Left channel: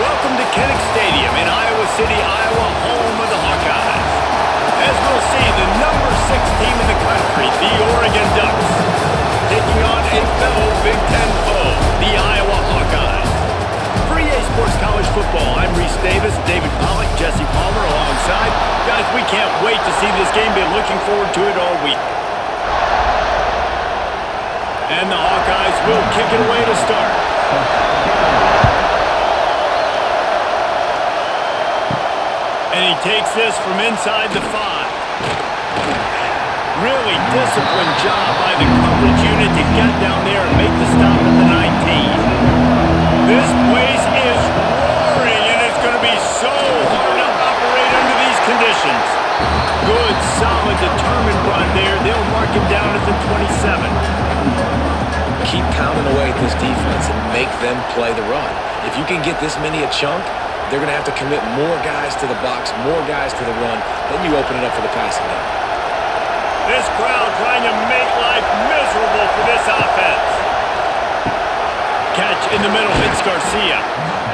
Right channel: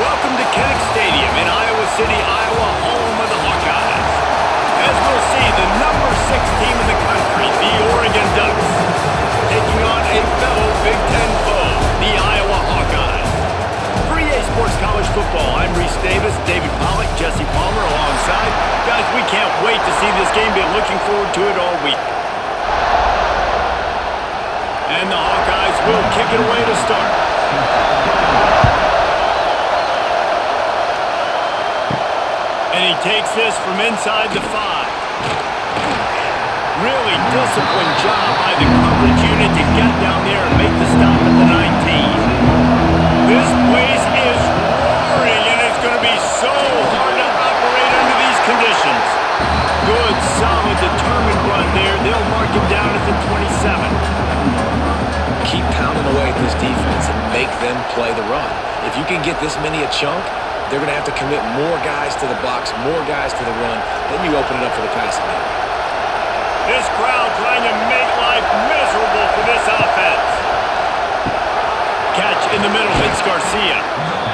Welcome to Kinnick Stadium in Iowa City, Iowa, home of the Hawkeyes. As we'll see, the number 6 team in the country, the Oregon Ducks, taking on a fellow Big Ten foe, the Iowa Hawkeyes. For EA Sports College Football, I'm Reese Davis, David Pollack, Jesse Palmer alongside. Guys, we can't wait to see this game. Been looking forward to it all week. And the Hawkeyes will kick it away to start. And he takes this from inside the 5. Really disciplined job by the coverage unit to get down there and make the stop at the 19. This place is roaring, and it's going to be so hard to operate under these conditions. Good, solid, determined run there. They'll mark him down at the 27. Keep pounding away at this defense and make them play the run. If you can get this many a chunk, they're going to have to commit more guys to the box, more guys to the run. Then you open it up for the passing game. This crowd trying to make life miserable for this offense. Catch in the middle hits Garcia.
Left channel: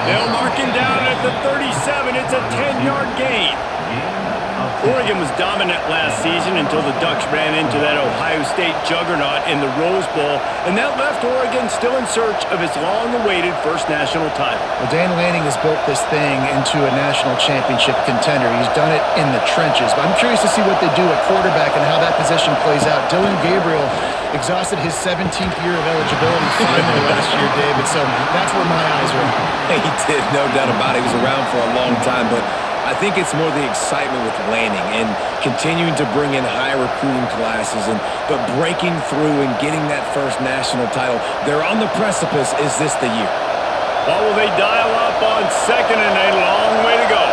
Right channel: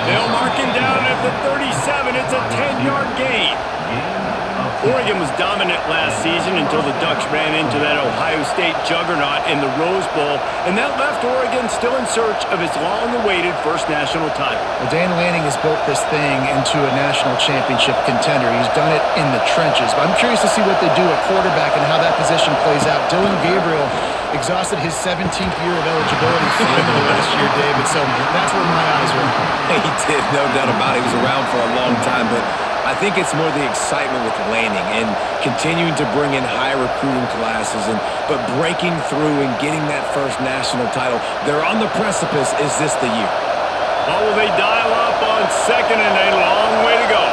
They'll mark him down at the 37. It's a 10-yard gain. Oregon was dominant last season until the Ducks ran into that Ohio State juggernaut in the Rose Bowl, and that left Oregon still in search of its long-awaited first national title. Well, Dan Lanning has built this thing into a national championship contender. He's done it in the trenches, but I'm curious to see what they do at quarterback and how that position plays out. Dillon Gabriel exhausted his 17th year of eligibility finally last year, David, so that's where my eyes are at. He did, no doubt about it. He was around for a long time, but I think it's more the excitement with Lanning and continuing to bring in high recruiting classes, but breaking through and getting that first national title. They're on the precipice. Is this the year? What will they dial up on second and a long way to go?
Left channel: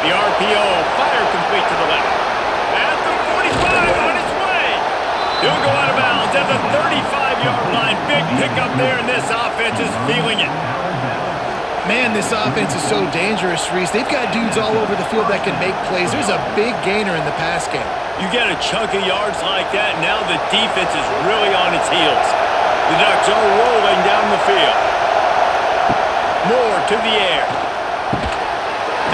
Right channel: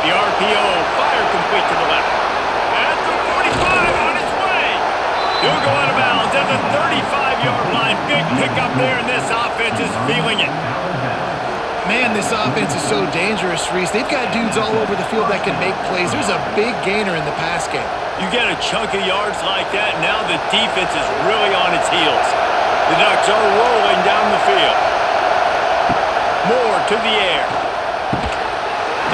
The RPO, fire complete to the left. At the 45, on its way. He'll go out of bounds at the 35-yard line. Big pickup there, and this offense is feeling it. Man, this offense is so dangerous, Reese. They've got dudes all over the field that can make plays. There's a big gainer in the pass game. You get a chunk of yards like that, now the defense is really on its heels. The Ducks are rolling down the field. Moore to the air.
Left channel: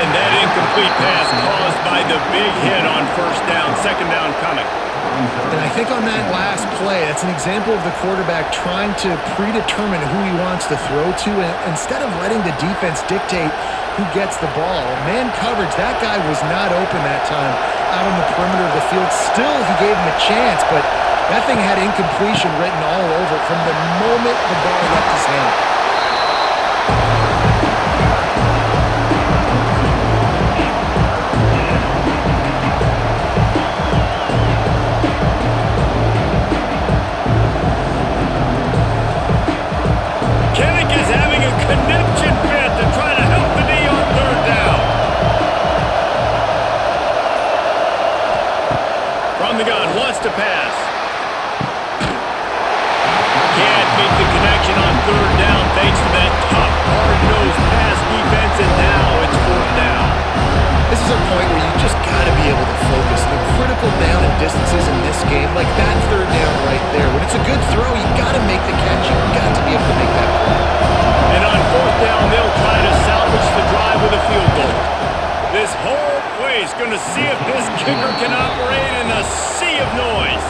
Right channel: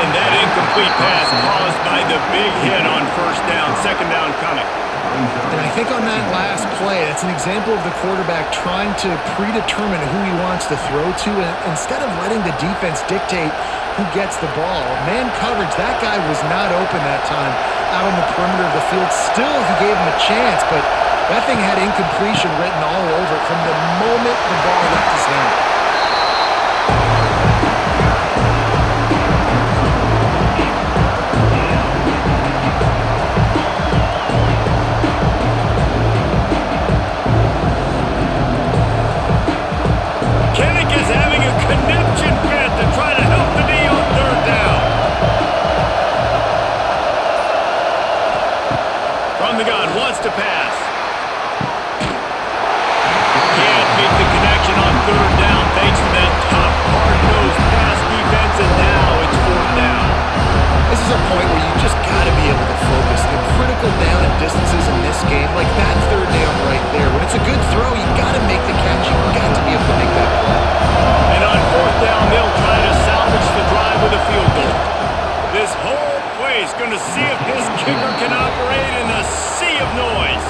And that incomplete pass caused by the big hit on first down, second down coming. And I think on that last play, that's an example of the quarterback trying to predetermine who he wants to throw to, and instead of letting the defense dictate who gets the ball. Man coverage, that guy was not open that time out on the perimeter of the field. Still, he gave him a chance, but that thing had incompletion written all over it from the moment the ball left his hand. Conniption fit to try to help the D on third down. From the gun, wants to pass. Can't make the connection on third down thanks to that tough, hard-nosed pass defense, and now it's fourth down. This is a point where you just got to be able to focus. The critical down and distances in this game, like that third down right there. When it's a good throw, you got to make the catch. You got to be able to make that play. And on fourth down, they'll try to salvage the drive with a field goal. This whole place going to see if this kicker can operate in a sea of noise.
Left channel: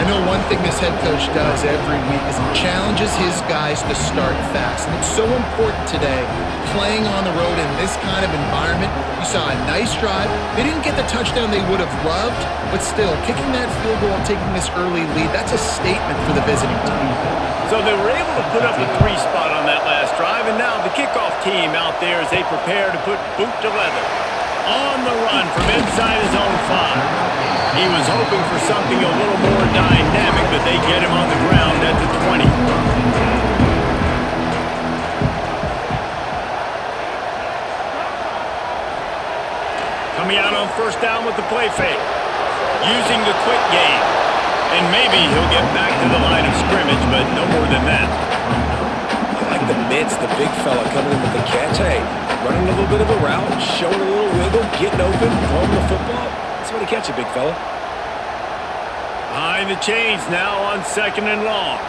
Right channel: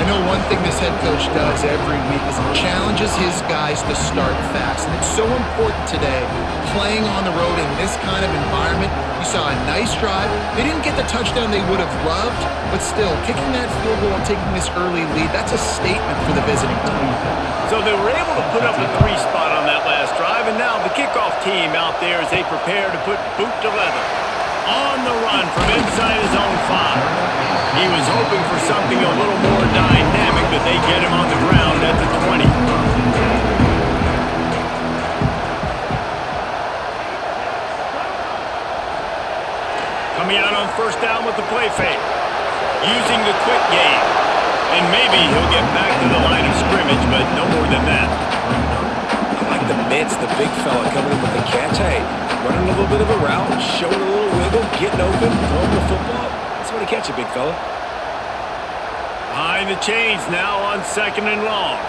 I know one thing this head coach does every week is he challenges his guys to start fast. And it's so important today, playing on the road in this kind of environment. You saw a nice drive. They didn't get the touchdown they would have loved, but still, kicking that field goal and taking this early lead, that's a statement for the visiting team. So they were able to put up a 3 spot on that last drive, and now the kickoff team out there as they prepare to put boot to leather. On the run from inside his own 5. He was hoping for something a little more dynamic, but they get him on the ground at the 20. Coming out on first down with the play fake. Using the quick game. And maybe he'll get back to the line of scrimmage, but no more than that. I like the mitts, the big fella coming in with the catch. Hey, running a little bit of a route, showing a little wiggle, getting open, throwing the football. That's what he catch you, big fella. Behind the chains now on second and long.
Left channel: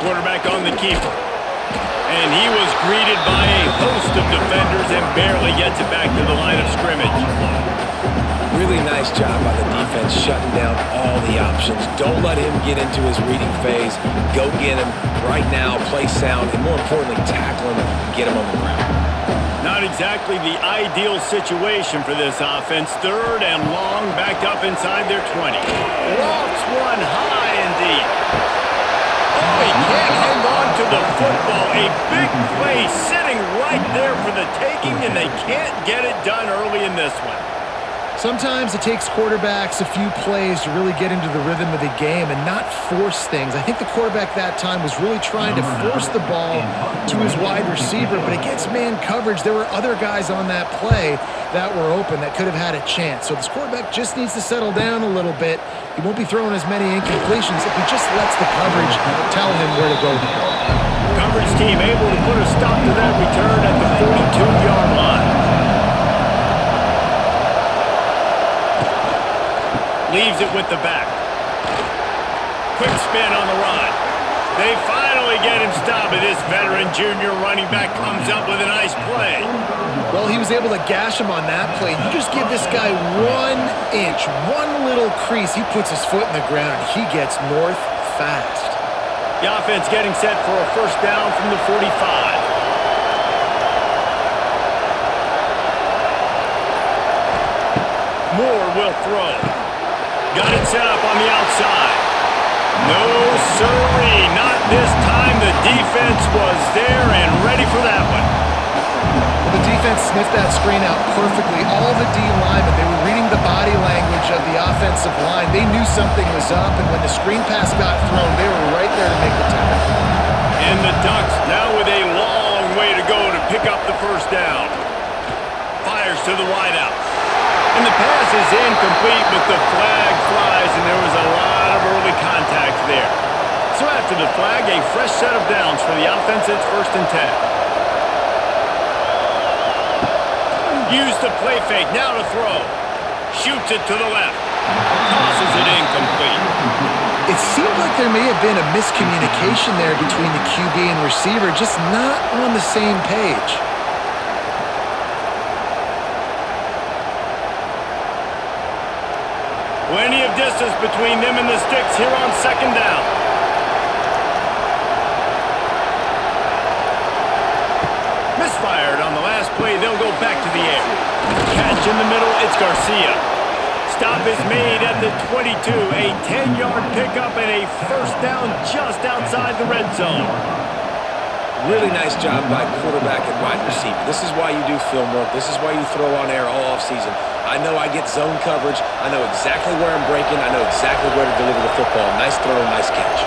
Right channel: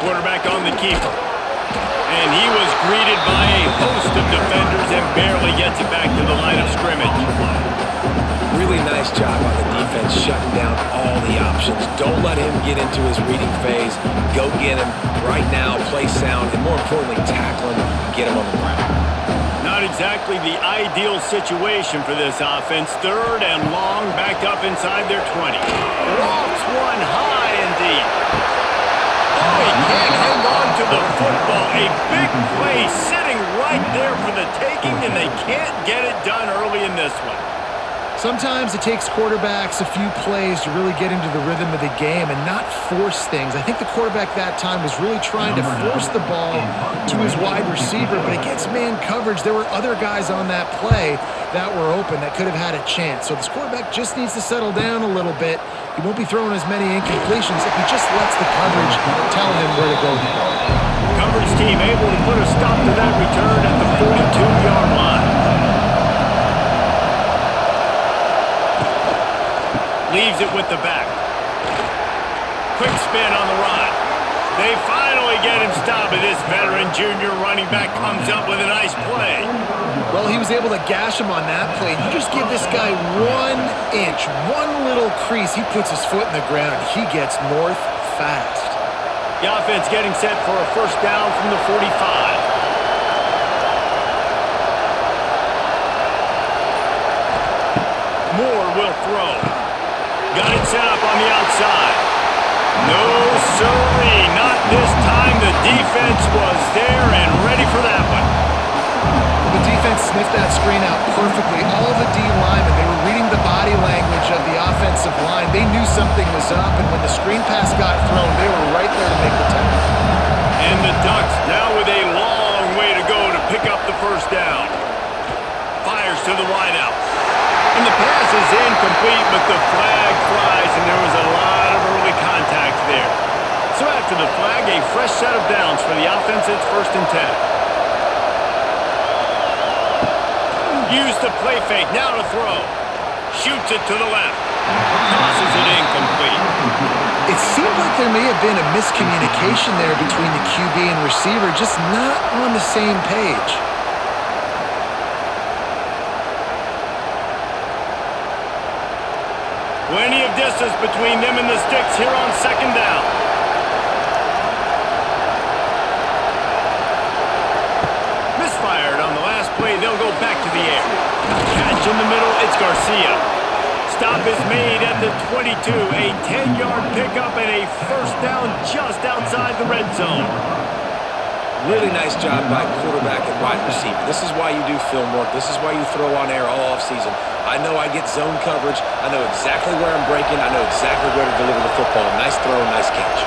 Quarterback on the keeper. And he was greeted by a host of defenders and barely gets it back to the line of scrimmage. Really nice job by the defense shutting down all the options. Don't let him get into his reading phase. Go get him right now, play sound, and more importantly, tackle him and get him on the ground. Not exactly the ideal situation for this offense. 3rd and long, back up inside their 20. Lofts one high indeed. Oh, he can't hang on to the football. A big play sitting right there for the taking, and they can't get it done early in this one. Sometimes it takes quarterbacks a few plays to really get into the rhythm of the game and not force things. I think the quarterback that time was really trying to force the ball to his wide receiver, but against man coverage, there were other guys on that play that were open that could have had a chance. So this quarterback just needs to settle down a little bit. He won't be throwing as many incompletions if he just lets the coverage tell him where to go. Coverage team able to put a stop to that return at the 42-yard line. Leaves it with the back. Quick spin on the run. They finally get him stopped, and this veteran junior running back comes up with a nice play. Well, he was able to gash him on that play. You just give this guy 1 inch, one little crease, he puts his foot in the ground, and he gets north fast. The offense getting set for a first down from the 45. Moore will throw. Got it set up on the outside. No, sirree, not this time. The defense was there and ready for that one. Well, the defense sniffed that screen out perfectly. All the D linemen, they were reading the body language of the offensive line. They knew something was up, and when the screen pass got thrown, they were right there to make the tackle. And the Ducks now with a long way to go to pick up the first down. Fires to the wideout. And the pass is incomplete, but the flag flies, and there was a lot of early contact there. So after the flag, a fresh set of downs for the offense. It's 1st and 10. Use the play fake, now to throw. Shoots it to the left. Tosses it incomplete. It seemed like there may have been a miscommunication there between the QB and receiver, just not on the same page. Plenty of distance between them and the sticks here on 2nd down. Misfired on the last play. They'll go back to the air. Catch in the middle. It's Garcia. Stop is made at the 22. A 10-yard pickup and a first down just outside the red zone. Really nice job by quarterback and wide receiver. This is why you do film work. This is why you throw on air all offseason. I know I get zone coverage. I know exactly where I'm breaking. I know exactly where to deliver the football. Nice throw, nice catch.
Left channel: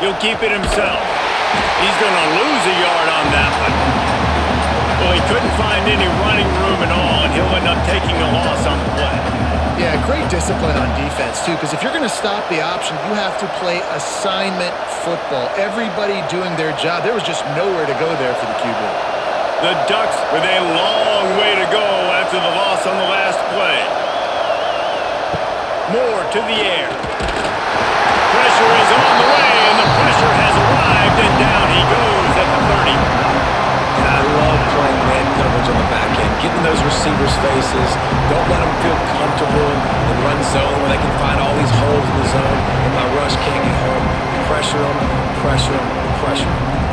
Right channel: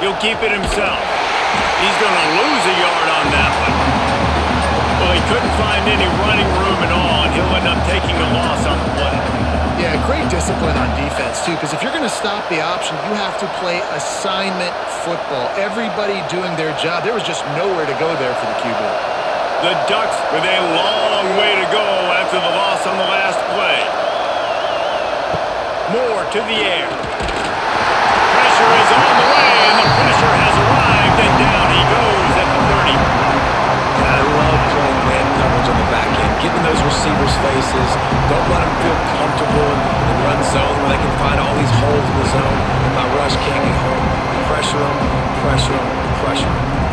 He'll keep it himself. He's going to lose a yard on that one. Well, he couldn't find any running room at all, and he'll end up taking a loss on the play. Yeah, great discipline on defense, too, because if you're going to stop the option, you have to play assignment football. Everybody doing their job. There was just nowhere to go there for the QB. The Ducks with a long way to go after the loss on the last play. Moore to the air. Pressure is on the way, and the pressure has arrived, and down he goes at the 30. And I love playing man coverage on the back end, getting those receivers' faces. Don't let them feel comfortable in run zone where they can find all these holes in the zone, and my rush can't get home. Pressure them, pressure them, pressure them.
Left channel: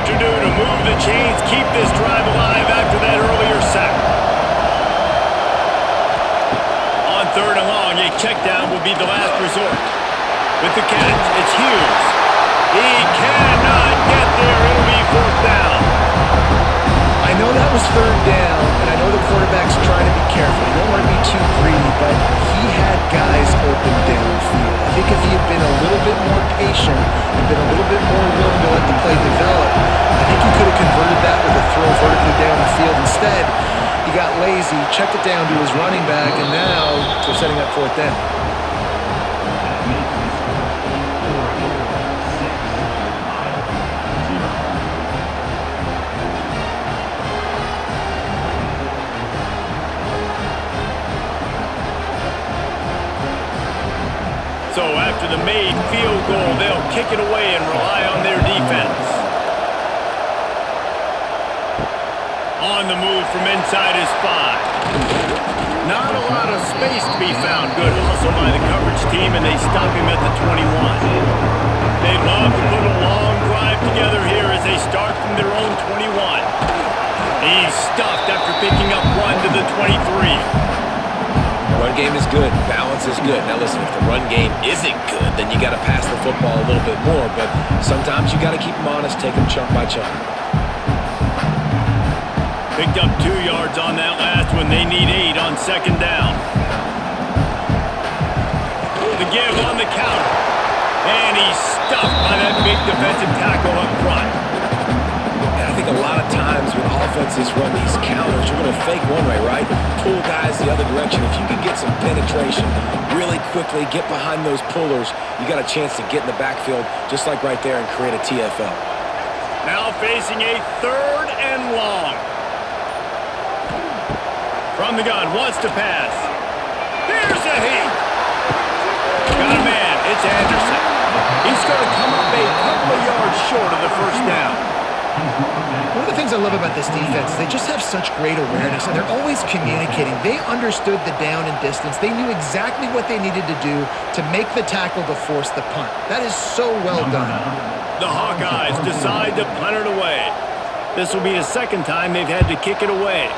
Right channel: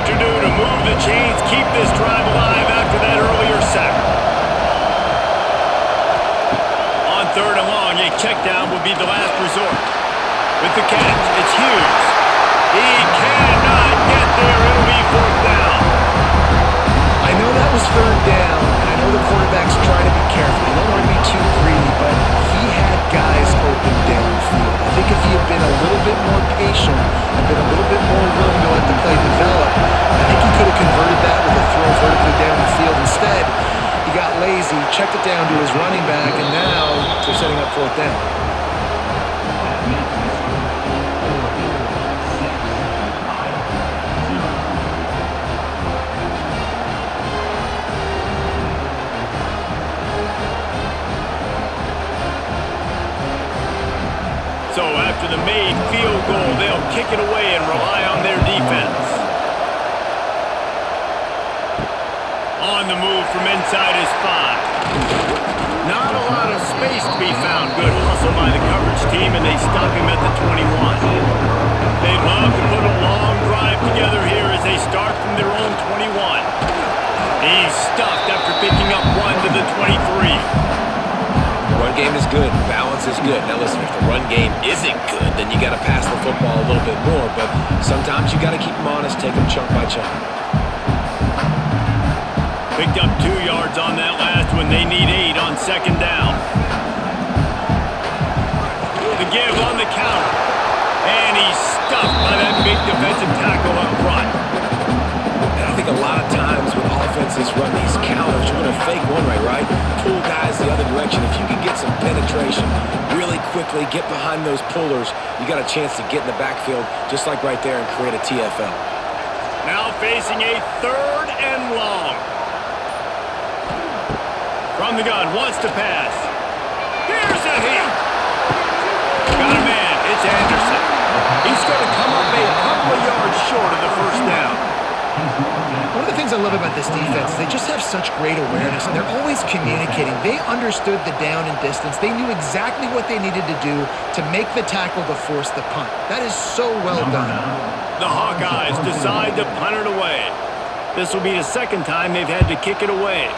To do to move the chains, keep this drive alive after that earlier sack. On 3rd and long, a check down would be the last resort. With the catch, it's Hughes. He cannot get there. It'll be 4th down. I know that was 3rd down, and I know the quarterback's trying to be careful. You don't want to be too greedy, but he had guys open downfield. I think if he had been a little bit more patient and been a little bit more willing to let the play develop, I think he could have converted that with a throw vertically down the field. Instead, he got lazy, checked it down to his running back, and now they're setting up 4th down. after the made field goal, they'll kick it away and rely on their defense. On the move from inside his 5. Not a lot of space to be found. Good hustle by the coverage team, and they stop him at the 21. They'd love to put a long drive together here as they start from their own 21. He's stuffed after picking up 1 to the 23. Run game is good. Balance is good. Now listen, if the run game isn't good, then you got to pass the football a little bit more. But sometimes you got to keep them honest, take them chunk by chunk. Picked up 2 yards on that last one. They need 8 on second down. The give on the counter. And he's stuffed by that big defensive tackle up front. And I think a lot of times when offenses run these counters, you're going to fake one way, right? Pull guys the other direction. If you can get some penetration really quickly, get behind those pullers, you got a chance to get in the backfield just like right there and create a TFL. Now facing a 3rd and long. From the gun, wants to pass. Here's a hit. Got a man. It's Anderson. He's going to come up a couple of yards short of the first down. One of the things I love about this defense is they just have such great awareness, and they're always communicating. They understood the down and distance. They knew exactly what they needed to do to make the tackle to force the punt. That is so well done. The Hawkeyes decide to punt it away. This will be the second time they've had to kick it away.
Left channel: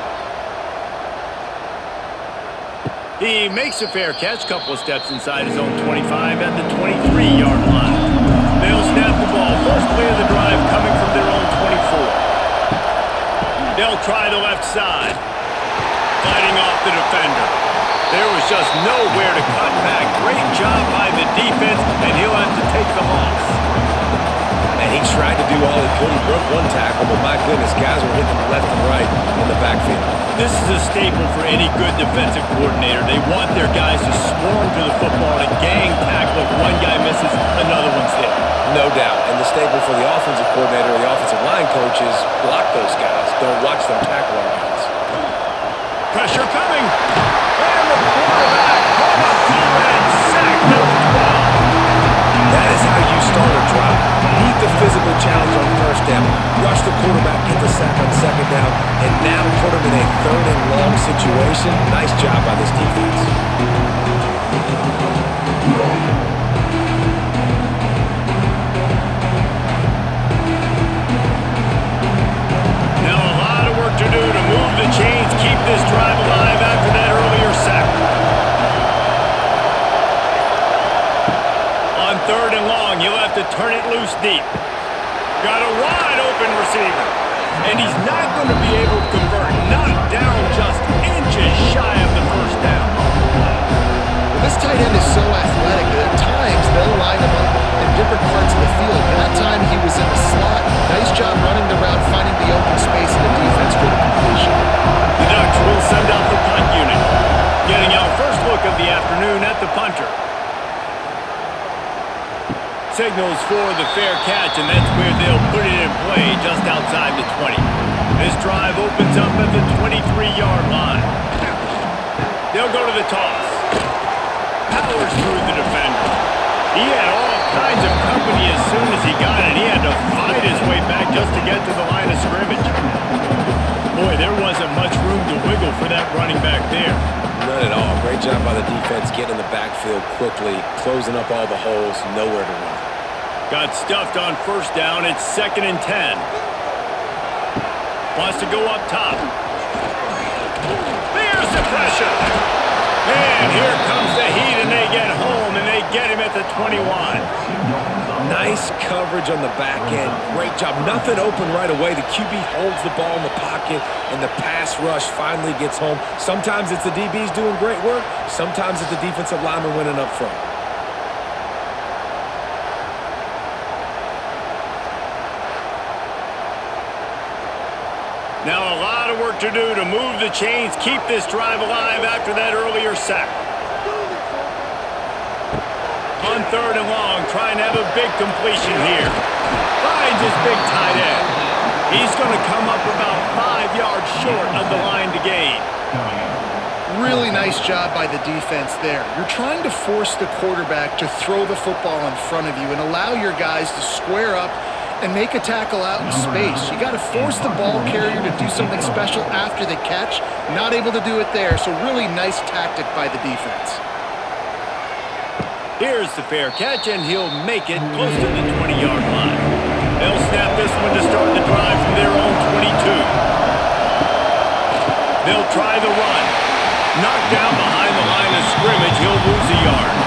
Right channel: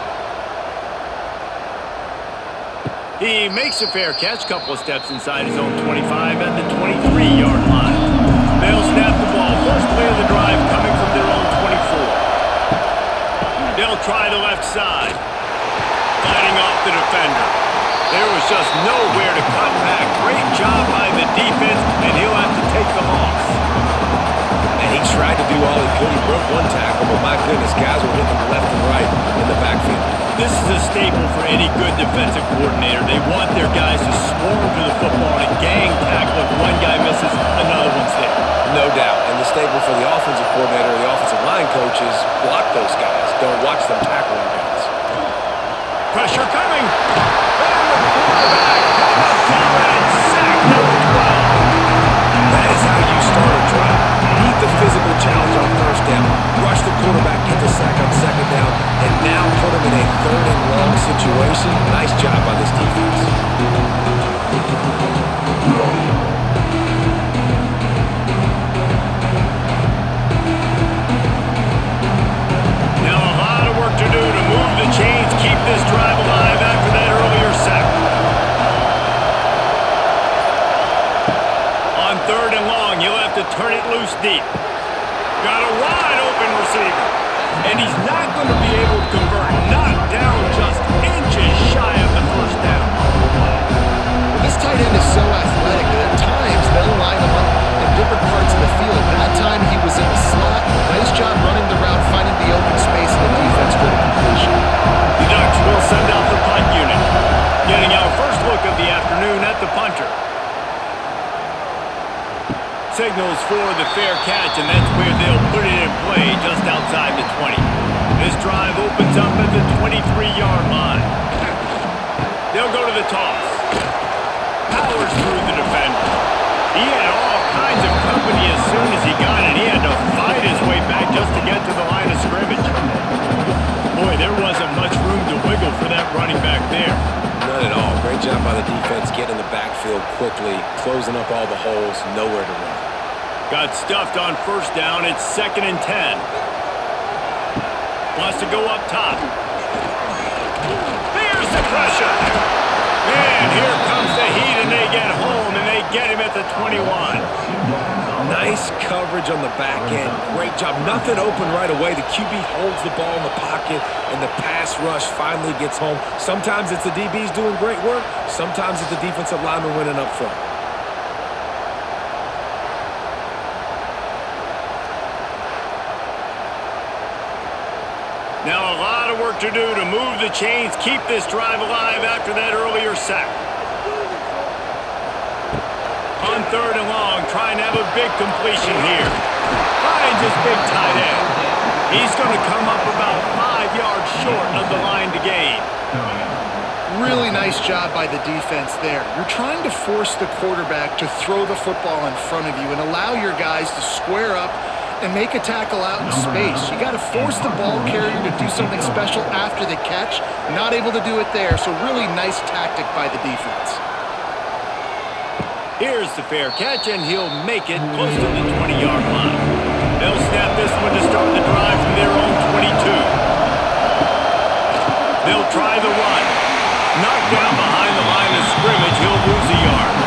He makes a fair catch, couple of steps inside his own 25 at the 23-yard line. They'll snap the ball. First play of the drive coming from their own 24. They'll try the left side. Fighting off the defender. There was just nowhere to cut back. Great job by the defense, and he'll have to take the loss. And he tried to do all he could. He broke one tackle, but my goodness, guys were hitting him left and right in the backfield. This is a staple for any good defensive coordinator. They want their guys to swarm to the football and gang tackle. If one guy misses, another one's there. No doubt. And the staple for the offensive coordinator or the offensive line coach is block those guys. Don't watch them tackle our guys. Pressure coming. And the quarterback caught up to and sacked at the 12. That is how you start a drive. Meet the physical challenge on first down. Rush the quarterback, get the sack on second down, and now put him in a 3rd and long situation. Nice job by this defense. Now a lot of work to do to move the chains, keep this drive alive after that earlier sack. On 3rd and long, he'll have to turn it loose deep. Got a wide open receiver. And he's not going to be able to convert. Knocked down just inches shy of the first down. Well, this tight end is so athletic that at times they'll line him up in different parts of the field. That time he was in the slot. Nice job running the route, finding the open space in the defense for the completion. The Ducks will send out the punt unit. Getting our first look of the afternoon at the punter. Signals for the fair catch, and that's where they'll put it in play just outside the 20. This drive opens up at the 23-yard line. They'll go to the toss. Powers through the defender. He had all kinds of company as soon as he got it. He had to fight his way back just to get to the line of scrimmage. Boy, there wasn't much room to wiggle for that running back there. None at all. Great job by the defense getting in the backfield quickly, closing up all the holes, nowhere to run. Got stuffed on first down. It's 2nd and 10. Wants to go up top. There's the pressure. And here comes the heat, and they get home, and they get him at the 21. Nice coverage on the back end. Great job. Nothing open right away. The QB holds the ball in the pocket, and the pass rush finally gets home. Sometimes it's the DBs doing great work. Sometimes it's the defensive lineman winning up front. Now a lot of work to do to move the chains, keep this drive alive after that earlier sack. On 3rd and long, trying to have a big completion here. Finds his big tight end. He's going to come up about 5 yards short of the line to gain. Really nice job by the defense there. You're trying to force the quarterback to throw the football in front of you and allow your guys to square up and make a tackle out in space. You got to force the ball carrier to do something special after the catch. Not able to do it there, so really nice tactic by the defense. Here's the fair catch, and he'll make it close to the 20-yard line. They'll snap this one to start the drive from their own 22. They'll try the run. Knocked down behind the line of scrimmage, he'll lose a yard.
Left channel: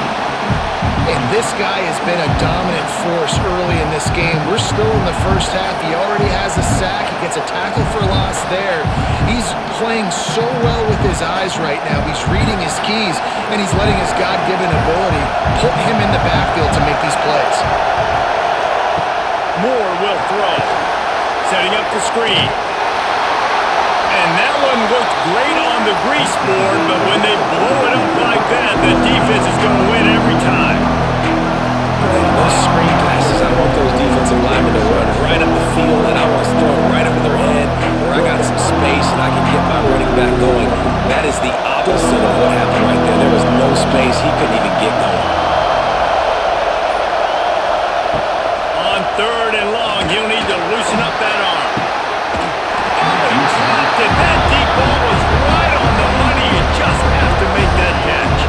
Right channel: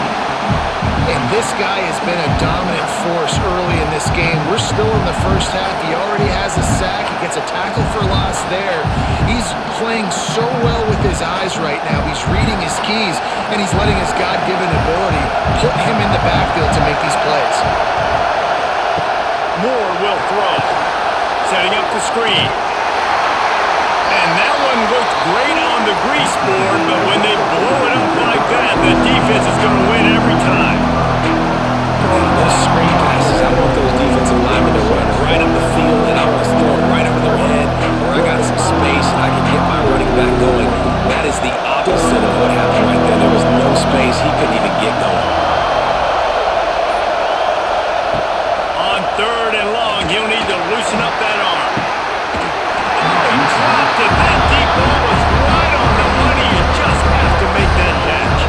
And this guy has been a dominant force early in this game. We're still in the first half. He already has a sack. He gets a tackle for loss there. He's playing so well with his eyes right now. He's reading his keys, and he's letting his God-given ability put him in the backfield to make these plays. Moore will throw. Setting up the screen. And that one looked great on the grease board, but when they blow it up like that, the defense is going to win every time. Man, those screen passes, I want those defensive linemen to run right up the field, and I want to throw it right over their head where I got some space and I can get my running back going. That is the opposite of what happened right there. There was no space. He couldn't even get going. On 3rd and long, he'll need to loosen up that arm. Oh, he dropped it. That deep ball was right on the money. You just have to make that catch.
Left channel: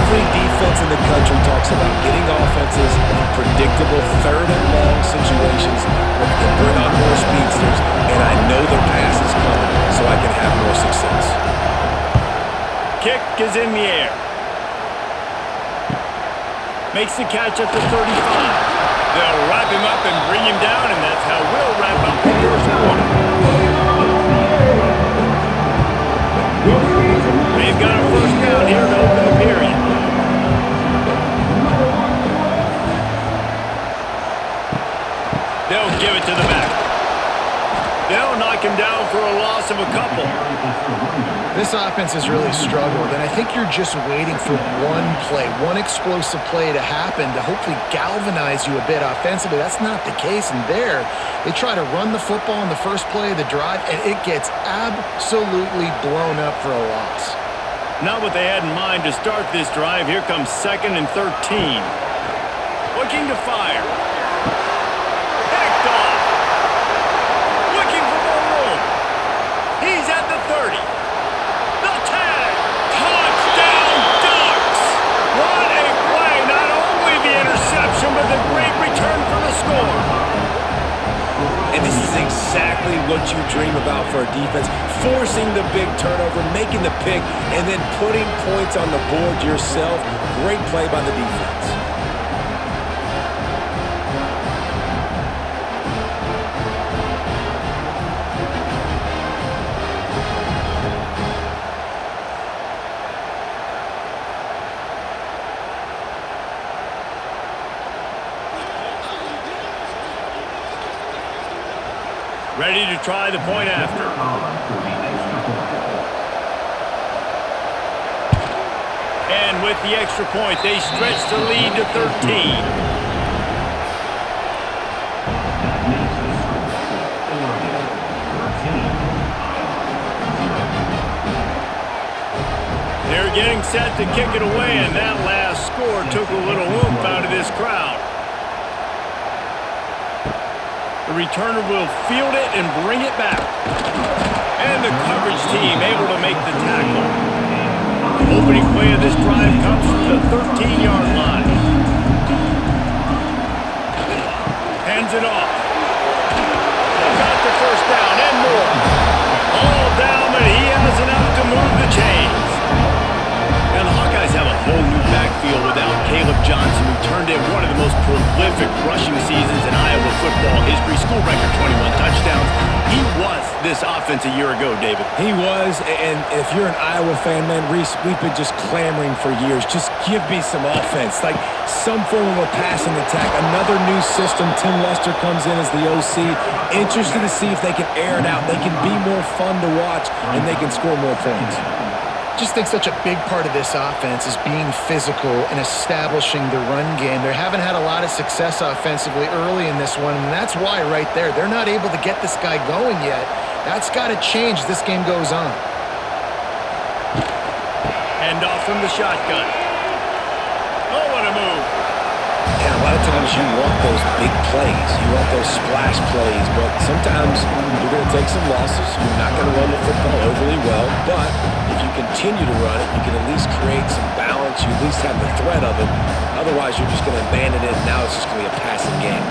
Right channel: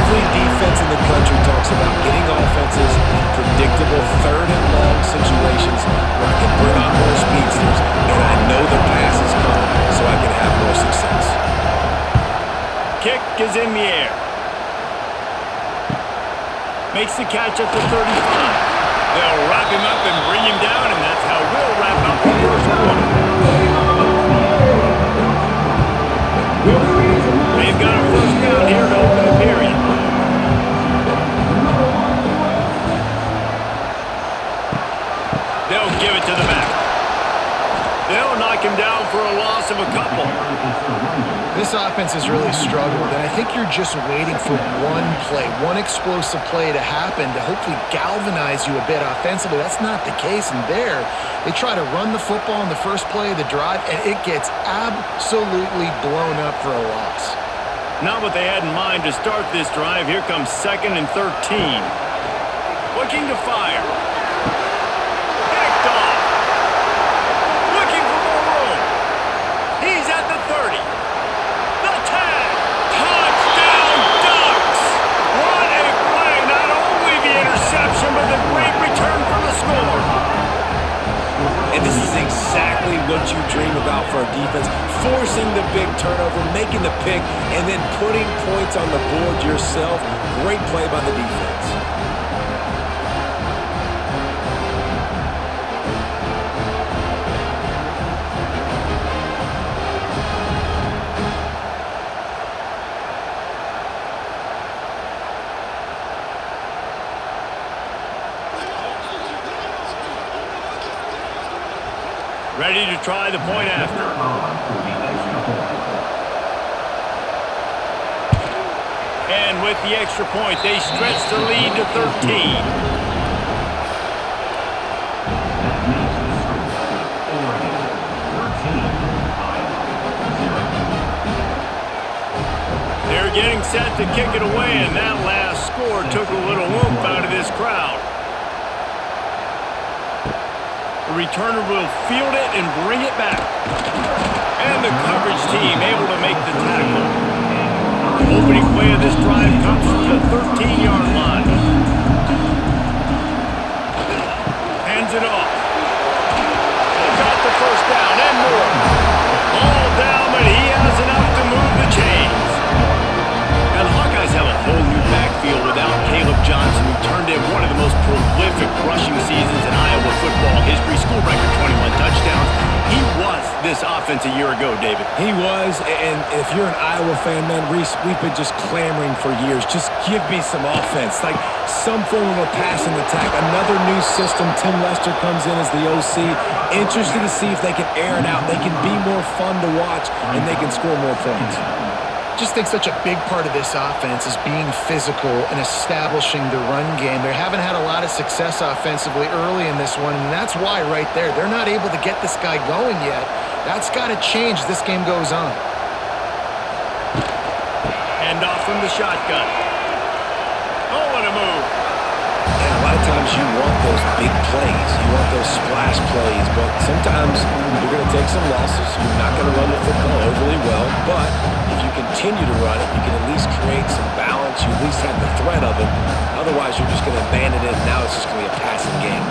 Every defense in the country talks about getting offenses in predictable 3rd and long situations where I can bring on more speedsters and I know the pass is coming so I can have more success. Kick is in the air. Makes the catch at the 35. They'll wrap him up and bring him down, and that's how we'll wrap up the first quarter. They've got a first down here to open the period. They'll give it to the back. They'll knock him down for a loss of a couple. This offense has really struggled, and I think you're just waiting for one play, one explosive play to happen to hopefully galvanize you a bit offensively. That's not the case, and there they try to run the football in the first play of the drive, and it gets absolutely blown up for a loss. Not what they had in mind to start this drive. Here comes 2nd and 13. Looking to fire. Picked off. Looking for more room. He's at the 30. The 10. Touchdown Ducks. What a play. Not only the interception, but the great return for the score. And this is exactly what you dream about for a defense. Forcing the big turnover, making the pick, and then putting points on the board yourself. Great play by the defense. Ready to try the point after. And with the extra point, they stretch the lead to 13. That makes the score Oregon 13, Iowa 0. They're getting set to kick it away, and that last score took a little oomph out of this crowd. The returner will field it and bring it back. And the coverage team able to make the tackle. Opening play of this drive comes from the 13-yard line. Hands it off. Got the first down and more. All down, but he has enough to move the chains. Now, the Hawkeyes have a whole new backfield without Caleb Johnson, who turned in one of the most prolific rushing seasons in Iowa football history. School record 21 touchdowns. He was this offense a year ago, David. He was, and if you're an Iowa fan, man, Reese, we've been just clamoring for years. Just give me some offense, like some form of a passing attack. Another new system. Tim Lester comes in as the OC. Interested to see if they can air it out. They can be more fun to watch, and they can score more points. Just think such a big part of this offense is being physical and establishing the run game. They haven't had a lot of success offensively early in this one, and that's why right there, they're not able to get this guy going yet. That's got to change as this game goes on. Hand off from the shotgun. Oh, what a move. And a lot of times you want those big plays. You want those splash plays. But sometimes you're going to take some losses. You're not going to run the football overly well. But if you continue to run it, you can at least create some balance. You at least have the threat of it. Otherwise, you're just going to abandon it, and now it's just going to be a passing game.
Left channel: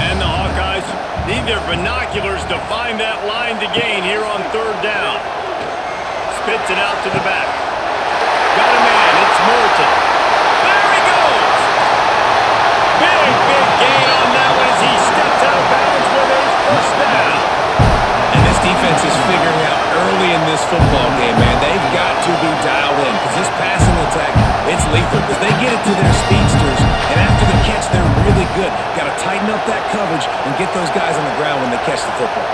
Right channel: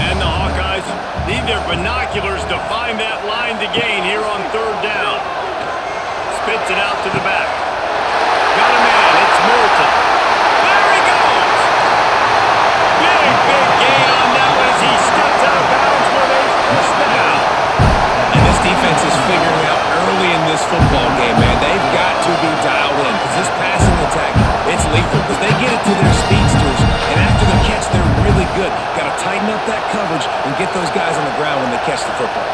And the Hawkeyes need their binoculars to find that line to gain here on third down. Spits it out to the back. Got a man. It's Moulton. There he goes. Big gain on that one as he steps out of bounds with a first down. And this defense is figuring out early in this football game, man. They've got to be dialed in because this passing attack, it's lethal because they get it to their speedsters, and after the catch, they're really good. Got to tighten up that coverage and get those guys on the ground when they catch the football.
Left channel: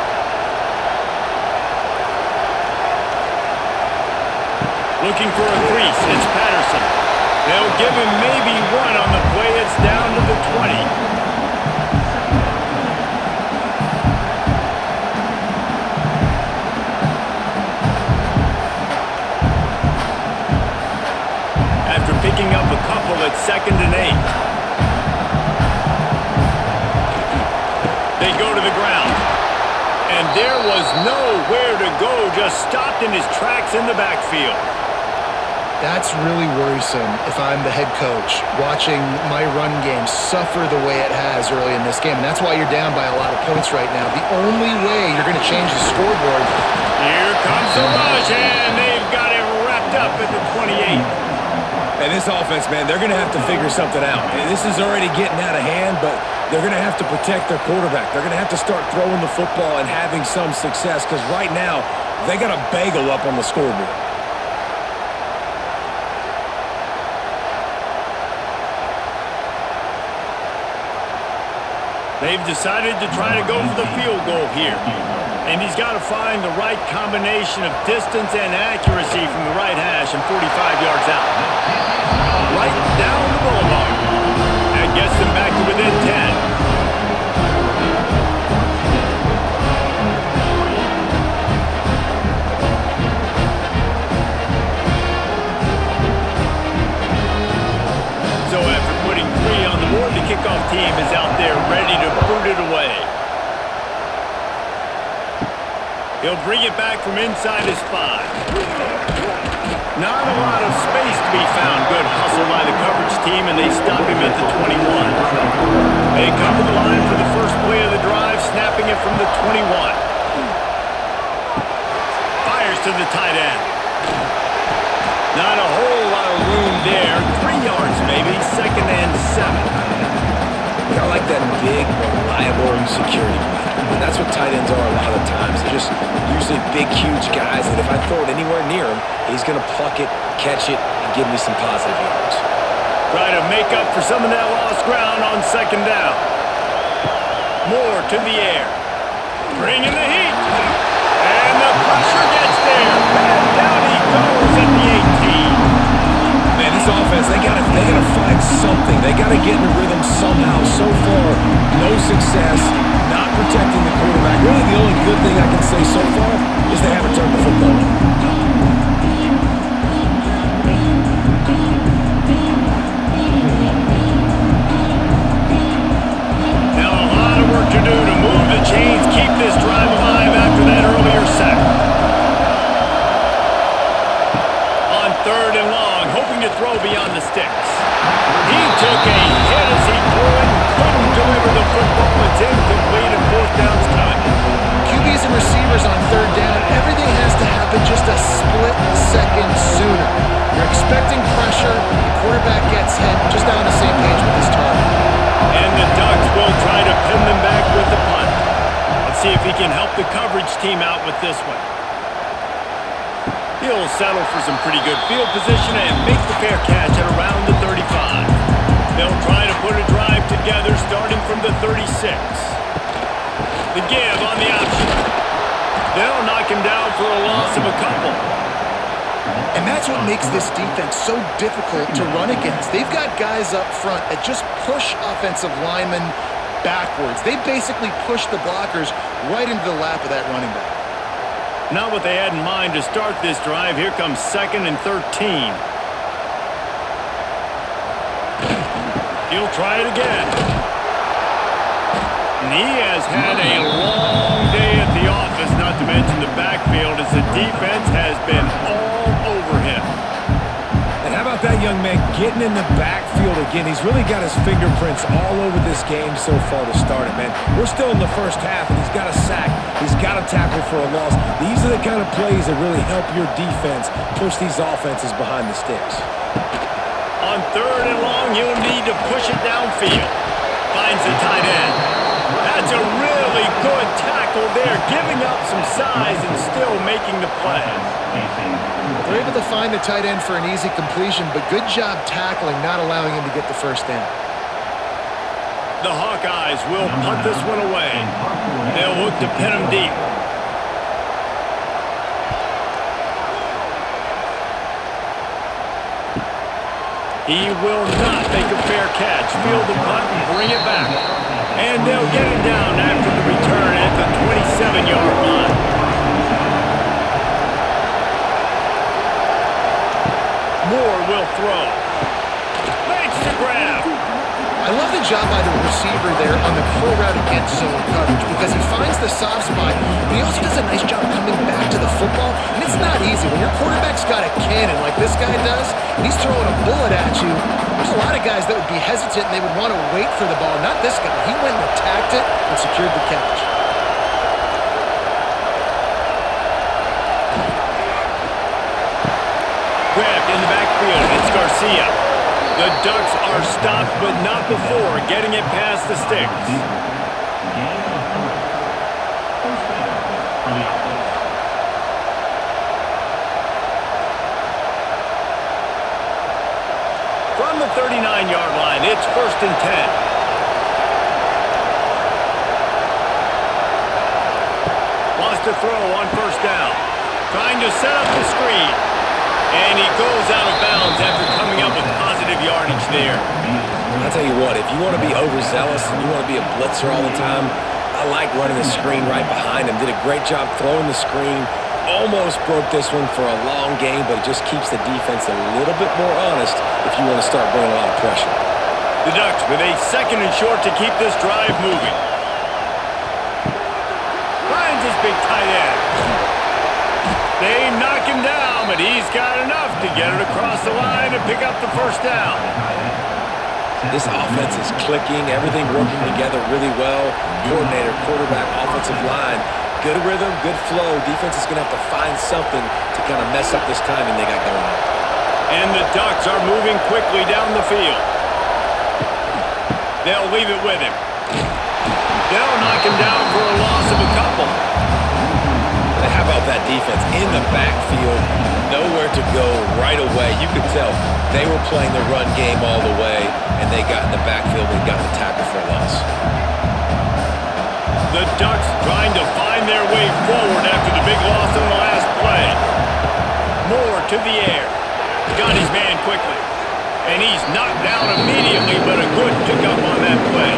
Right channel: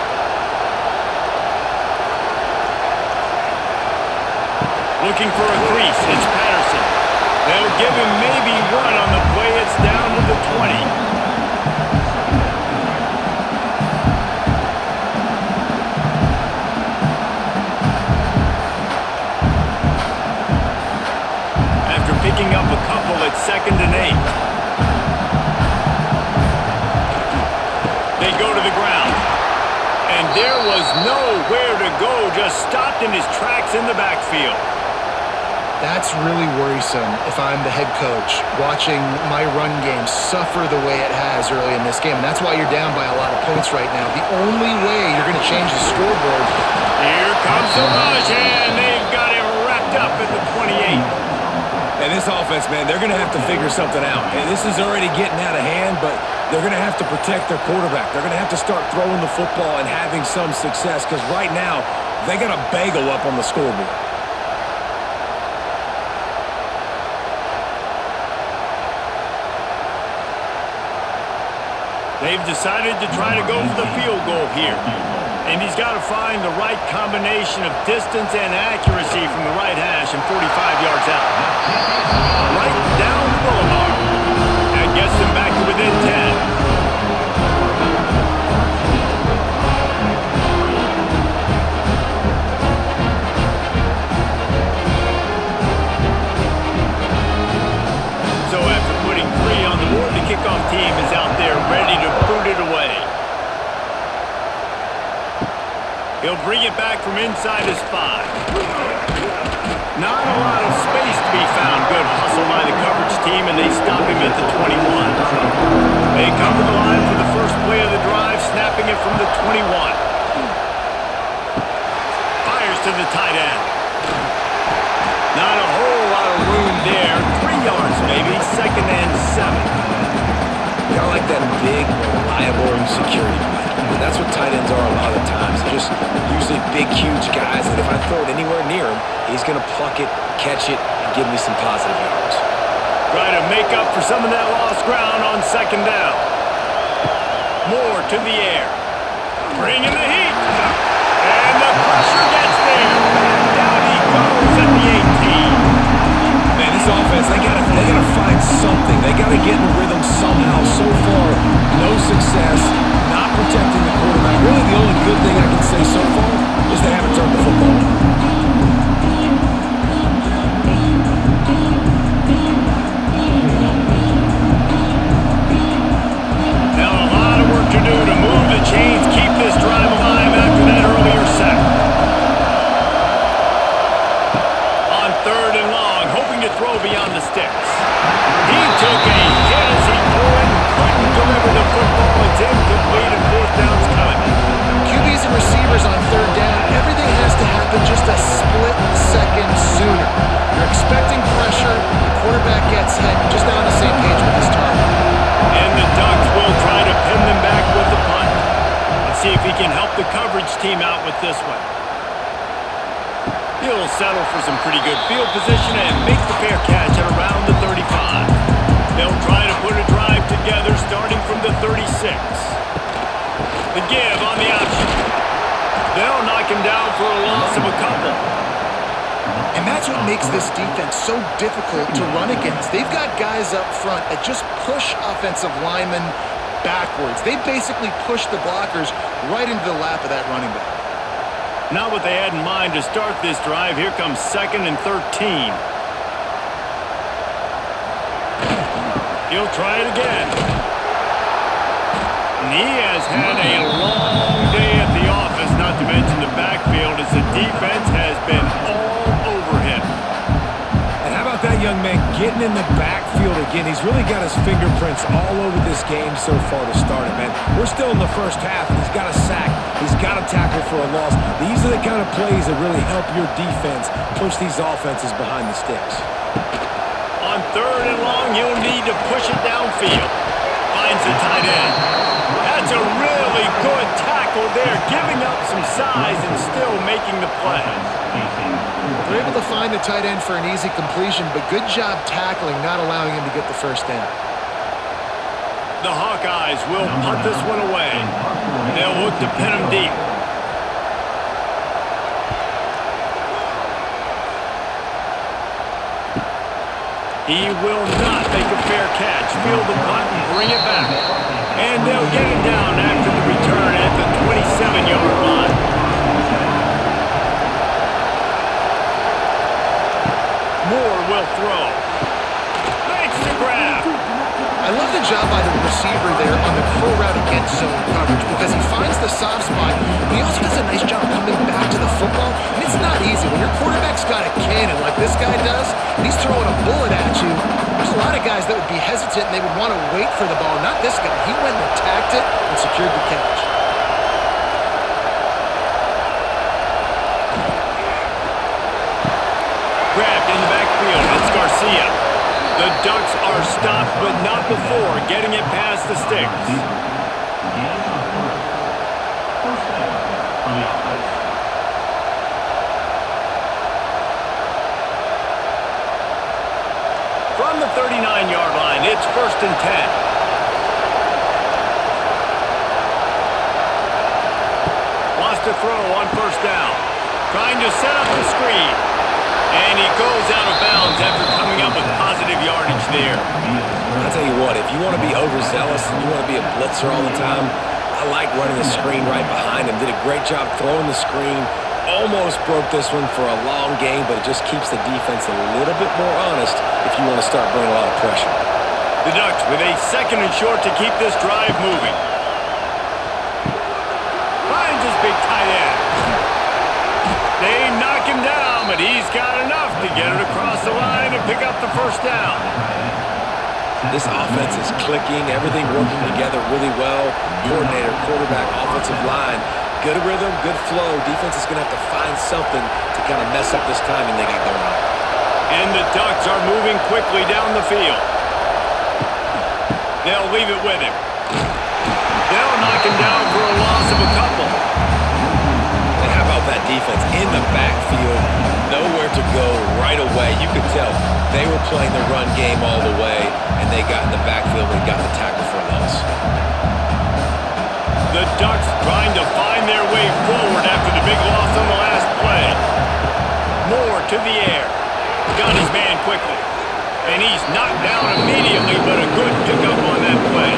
Looking for a crease, it's Patterson. They'll give him maybe one on the play. It's down to the 20. After picking up a couple, it's 2nd and 8. They go to the ground. And there was nowhere to go, just stopped in his tracks in the backfield. That's really worrisome if I'm the head coach, watching my run game suffer the way it has early in this game. And that's why you're down by a lot of points right now. The only way you're going to change the scoreboard. Here comes the rush, and they've got it wrapped up at the 28. And this offense, man, they're going to have to figure something out. And this is already getting out of hand, but they're going to have to protect their quarterback. They're going to have to start throwing the football and having some success because right now they got a bagel up on the scoreboard. They've decided to try to go for the field goal here. And he's got to find the right combination of distance and accuracy from the right hash and 45 yards out. Right down the boulevard. That gets them back to within 10. So after putting 3 on the board, the kickoff team is out there ready to boot it away. He'll bring it back from inside his 5. Not a lot of space to be found. Good hustle by the coverage team, and they stop him at the 21. They come to the line for the first play of the drive, snapping it from the 21. Fires to the tight end. Not a whole lot of room there. 3 yards maybe, 2nd and 7. Got like that big, reliable security blanket. And that's what tight ends are a lot of the times. They're just usually big, huge guys that if I throw it anywhere near him, he's going to pluck it, catch it, and give me some positive yards. Try to make up for some of that lost ground on 2nd down. Moore to the air. Bringing the heat. And the pressure gets there. And down he goes at the 18. Man, this offense, they gotta find something. They gotta get in the rhythm somehow. So far, no success, not protecting the quarterback. Really, the only good thing I can say so far is they haven't turned the football over. Now a lot of work to do to move the chains, keep this drive alive after that earlier sack. On 3rd and long, hoping to throw beyond the sticks. He took a hit as he threw it and couldn't deliver the football. It's incomplete and 4th down's coming. QBs and receivers on 3rd down, everything has to happen just a split second sooner. You're expecting pressure, the quarterback gets hit, just not on the same page with his target. And the Ducks will try to pin them back with the punt. Let's see if he can help the coverage team out with this one. He'll settle for some pretty good field position and make the fair catch at around the 35. They'll try to put a drive together starting from the 36. The give on the option. They'll knock him down for a loss of a couple. And that's what makes this defense so difficult to run against. They've got guys up front that just push offensive linemen backwards. They basically push the blockers right into the lap of that running back. Not what they had in mind to start this drive. Here comes 2nd and 13. He'll try it again. And he has had a long day at the office, not to mention the backfield, as the defense has been all over him. And how about that young man getting in the backfield again? He's really got his fingerprints all over this game so far to start it, man. We're still in the first half, and he's got a sack. He's got a tackle for a loss. These are the kind of plays that really help your defense push these offenses behind the sticks. On 3rd and long, he'll need to push it downfield. Finds the tight end. That's a really good tackle there, giving up some size and still making the play. They're able to find the tight end for an easy completion, but good job tackling, not allowing him to get the first down. The Hawkeyes will punt this one away. They'll look to pin him deep. He will not make a fair catch. Field the punt and bring it back. And they'll get him down after the return at the 27-yard line. Moore will throw. Makes the grab. I love the job by the receiver there on the curl route against zone coverage because he finds the soft spot, but he also does a nice job coming back to the football, and it's not easy. When your quarterback's got a cannon like this guy does, and he's throwing a bullet at you, there's a lot of guys that would be hesitant and they would want to wait for the ball. Not this guy. He went and attacked it and secured the catch. Grabbed in the backfield. It's Garcia. The Ducks are stopped, but not before getting it past the sticks. Gain of 3. First down for the offense. From the 39-yard line, it's 1st and 10. Wants to throw on 1st down. Trying to set up the screen. And he goes out of bounds after coming up with positive yardage there. I'll tell you what, if you want to be overzealous and you want to be a blitzer all the time, I like running the screen right behind him. Did a great job throwing the screen. Almost broke this one for a long game, but it just keeps the defense a little bit more honest if you want to start bringing a lot of pressure. The Ducks with a 2nd and short to keep this drive moving. Finds his big tight end. They knock him down, but he's got enough to get it across the line and pick up the 1st down. This offense is clicking, everything working together really well. Coordinator, quarterback, offensive line. Good rhythm, good flow. Defense is going to have to find something to kind of mess up this timing they got going on. And the Ducks are moving quickly down the field. They'll leave it with him. They'll knock him down for a loss of a couple. How about that defense in the backfield, nowhere to go right away. You could tell they were playing the run game all the way, and they got in the backfield and got the tackle for a loss. The Ducks trying to find their way forward after the big loss on the last play. Moore to the air. Got his man quickly. And he's knocked down immediately, but a good pickup on that play.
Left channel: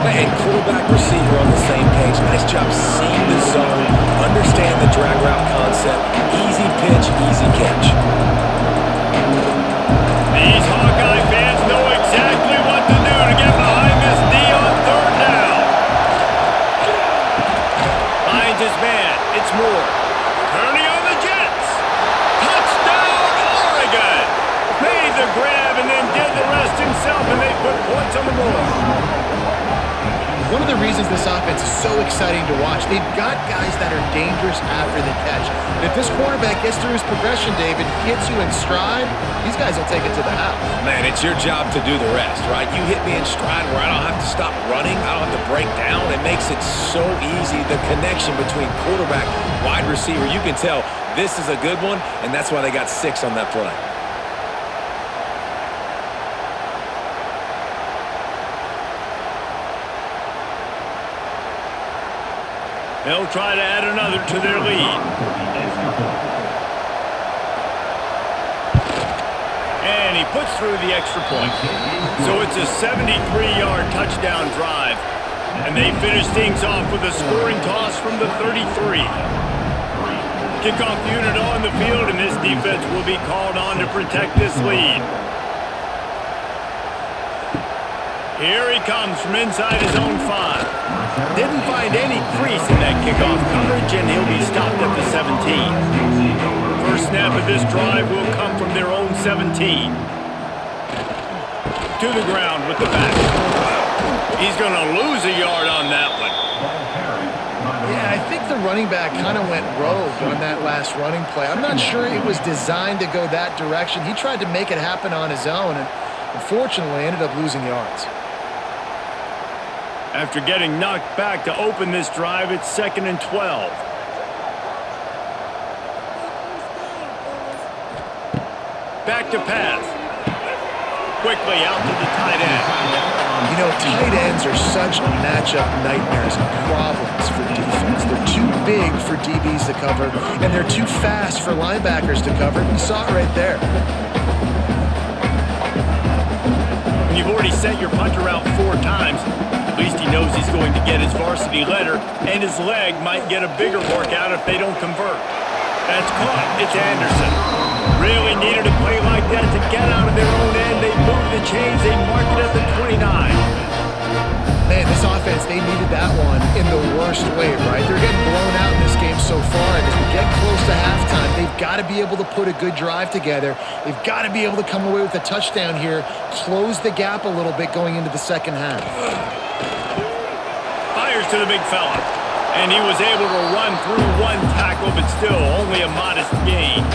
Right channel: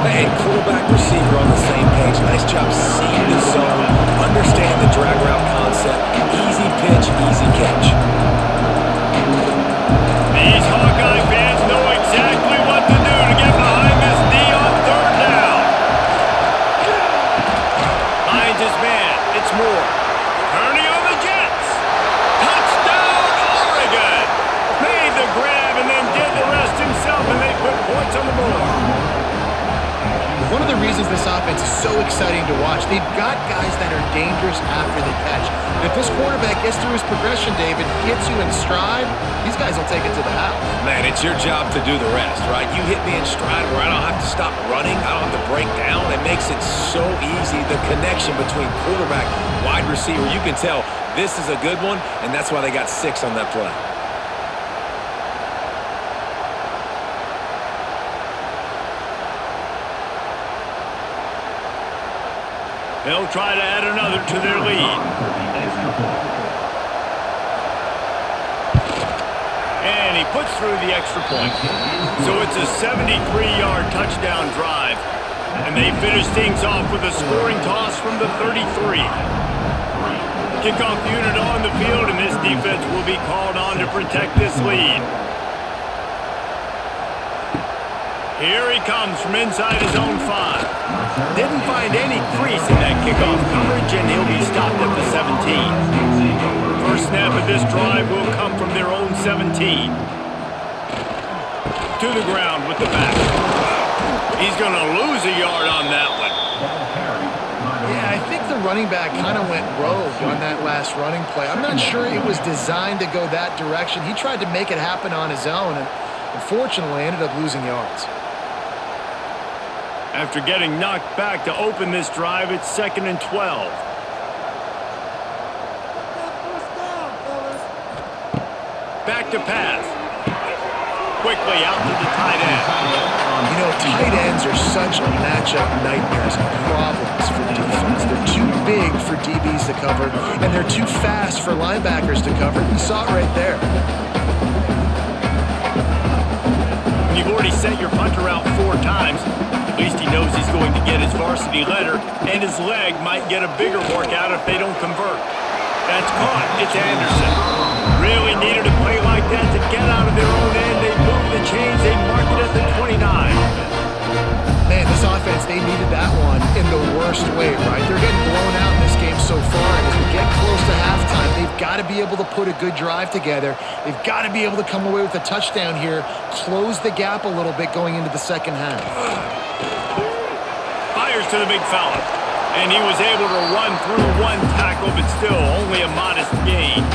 And quarterback receiver on the same page. Nice job seeing the zone, understand the drag route concept. Easy pitch, easy catch. These Hawkeye fans know exactly what to do to get behind this D on 3rd down. Finds his man. It's Moore. Turning on the Jets. Touchdown, Oregon. Made the grab and then did the rest himself, and they put points on the board. One of the reasons this offense is so exciting to watch, they've got guys that are dangerous after the catch. And if this quarterback gets through his progression, David, hits you in stride, these guys will take it to the house. Man, it's your job to do the rest, right? You hit me in stride where I don't have to stop running. I don't have to break down. It makes it so easy. The connection between quarterback, wide receiver, you can tell this is a good one, and that's why they got 6 on that play. They'll try to add another to their lead. And he puts through the extra point. So it's a 73-yard touchdown drive. And they finish things off with a scoring toss from the 33. Kickoff unit on the field, and this defense will be called on to protect this lead. Here he comes from inside his own 5. Didn't find any crease in that kickoff coverage, and he'll be stopped at the 17. First snap of this drive will come from their own 17. To the ground with the back. He's going to lose a yard on that one. Yeah, I think the running back kind of went rogue on that last running play. I'm not sure it was designed to go that direction. He tried to make it happen on his own, and unfortunately ended up losing yards. After getting knocked back to open this drive, it's 2nd and 12. Back to pass. Quickly out to the tight end. You know, tight ends are such matchup nightmares and problems for defense. They're too big for DBs to cover, and they're too fast for linebackers to cover. You saw it right there. When you've already sent your punter out 4 times, at least he knows he's going to get his varsity letter, and his leg might get a bigger workout if they don't convert. That's caught. It's Anderson. Really needed a play like that to get out of their own end. They move the chains. They mark it at the 29. Man, this offense, they needed that one in the worst way, right? They're getting blown out in this game so far, and as we get close to halftime, they've got to be able to put a good drive together. They've got to be able to come away with a touchdown here, close the gap a little bit going into the second half. Fires to the big fella, and he was able to run through 1 tackle, but still only a modest gain.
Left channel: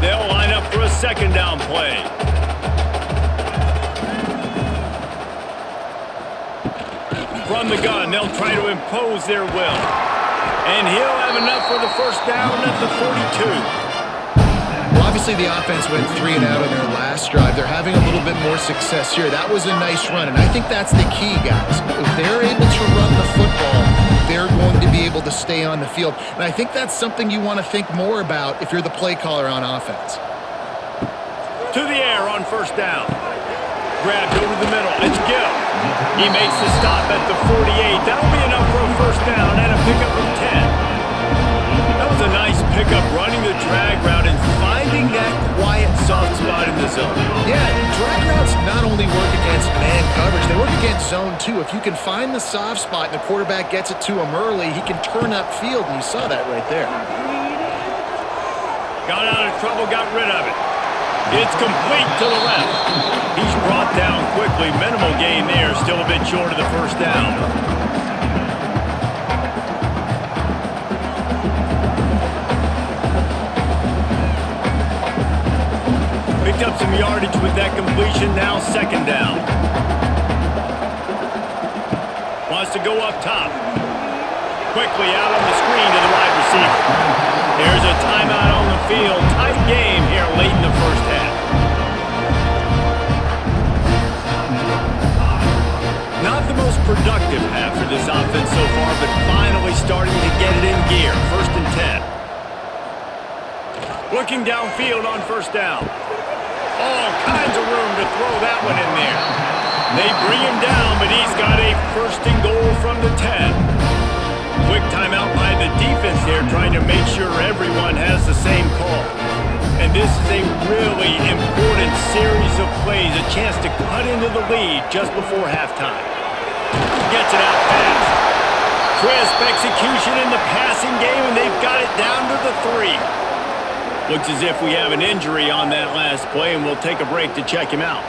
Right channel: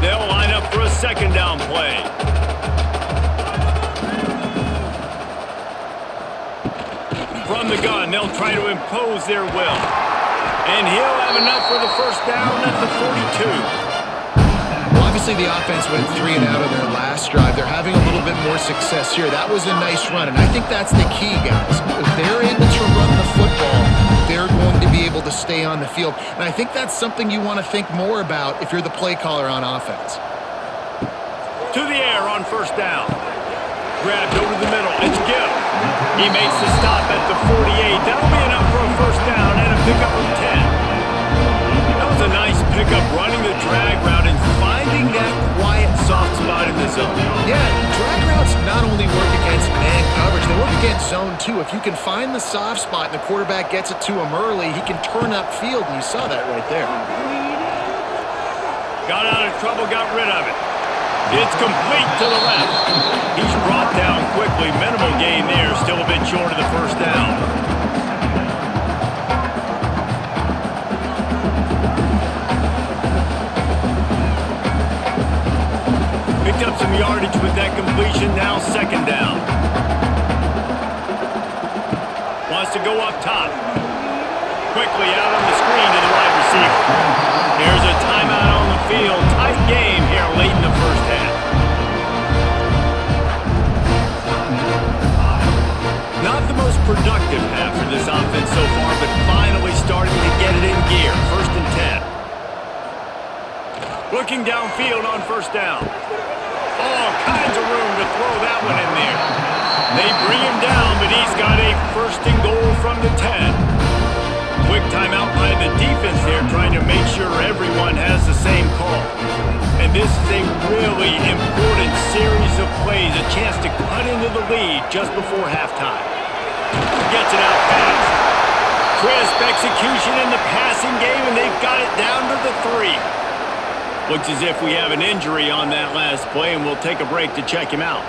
They'll line up for a 2nd down play. From the gun, they'll try to impose their will. And he'll have enough for the first down at the 42. Well, obviously the offense went 3 and out on their last drive. They're having a little bit more success here. That was a nice run, and I think that's the key, guys. If they're able to run the football, they're going to be able to stay on the field. And I think that's something you want to think more about if you're the play caller on offense. To the air on 1st down. Grabbed over the middle. It's Gill. He makes the stop at the 48. That'll be enough for a 1st down and a pickup of 10. That was a nice pickup, running the drag route and finding that quiet, soft spot in the zone. Yeah, drag routes not only work against man coverage, they work against zone too. If you can find the soft spot and the quarterback gets it to him early, he can turn upfield, and you saw that right there. Got out of trouble, got rid of it. It's complete to the left. He's brought down quickly. Minimal gain there, still a bit short of the 1st down. Picked up some yardage with that completion, now 2nd down. Wants to go up top. Quickly out on the screen to the wide receiver. There's a timeout on the field. Tight game here late in the 1st half. Not the most productive half for this offense so far, but finally starting to get it in gear. 1st and 10. Looking downfield on 1st down. All kinds of room to throw that one in there. They bring him down, but he's got a 1st and goal from the 10. Quick timeout by the defense there, trying to make sure everyone has the same call. And this is a really important series of plays, a chance to cut into the lead just before halftime. Gets it out fast. Crisp execution in the passing game, and they've got it down to the 3. Looks as if we have an injury on that last play, and we'll take a break to check him out.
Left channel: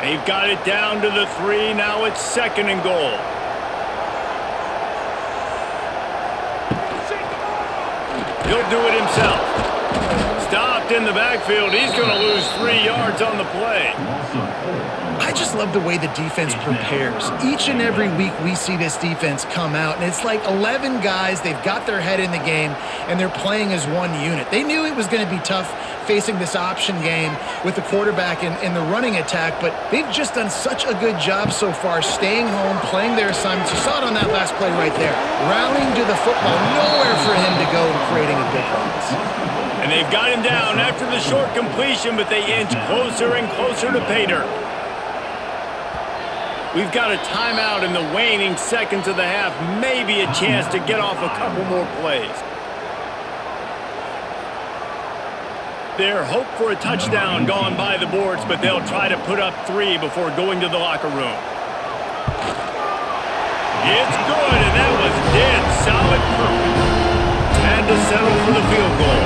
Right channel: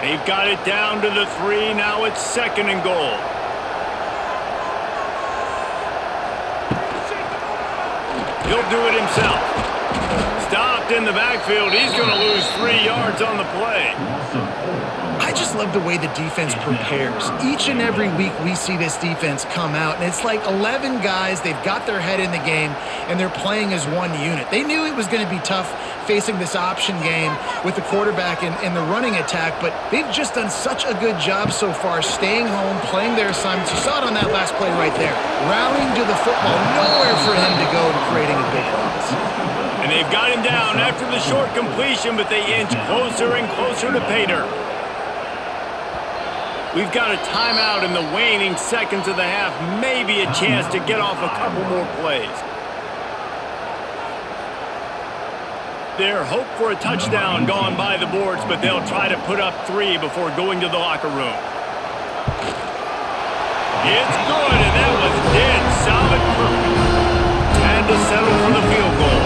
They've got it down to the 3. Now it's 2nd and goal. He'll do it himself. Stopped in the backfield. He's going to lose 3 yards on the play. I just love the way the defense prepares. Each and every week we see this defense come out, and it's like 11 guys. They've got their head in the game, and they're playing as one unit. They knew it was going to be tough facing this option game with the quarterback in the running attack, but they've just done such a good job so far staying home, playing their assignments. You saw it on that last play right there. Rallying to the football, nowhere for him to go and creating a big loss. And they've got him down after the short completion, but they inch closer and closer to pay dirt. We've got a timeout in the waning seconds of the half. Maybe a chance to get off a couple more plays. Their hope for a touchdown gone by the boards, but they'll try to put up 3 before going to the locker room. It's good, and that was dead solid perfect. Had to settle for the field goal.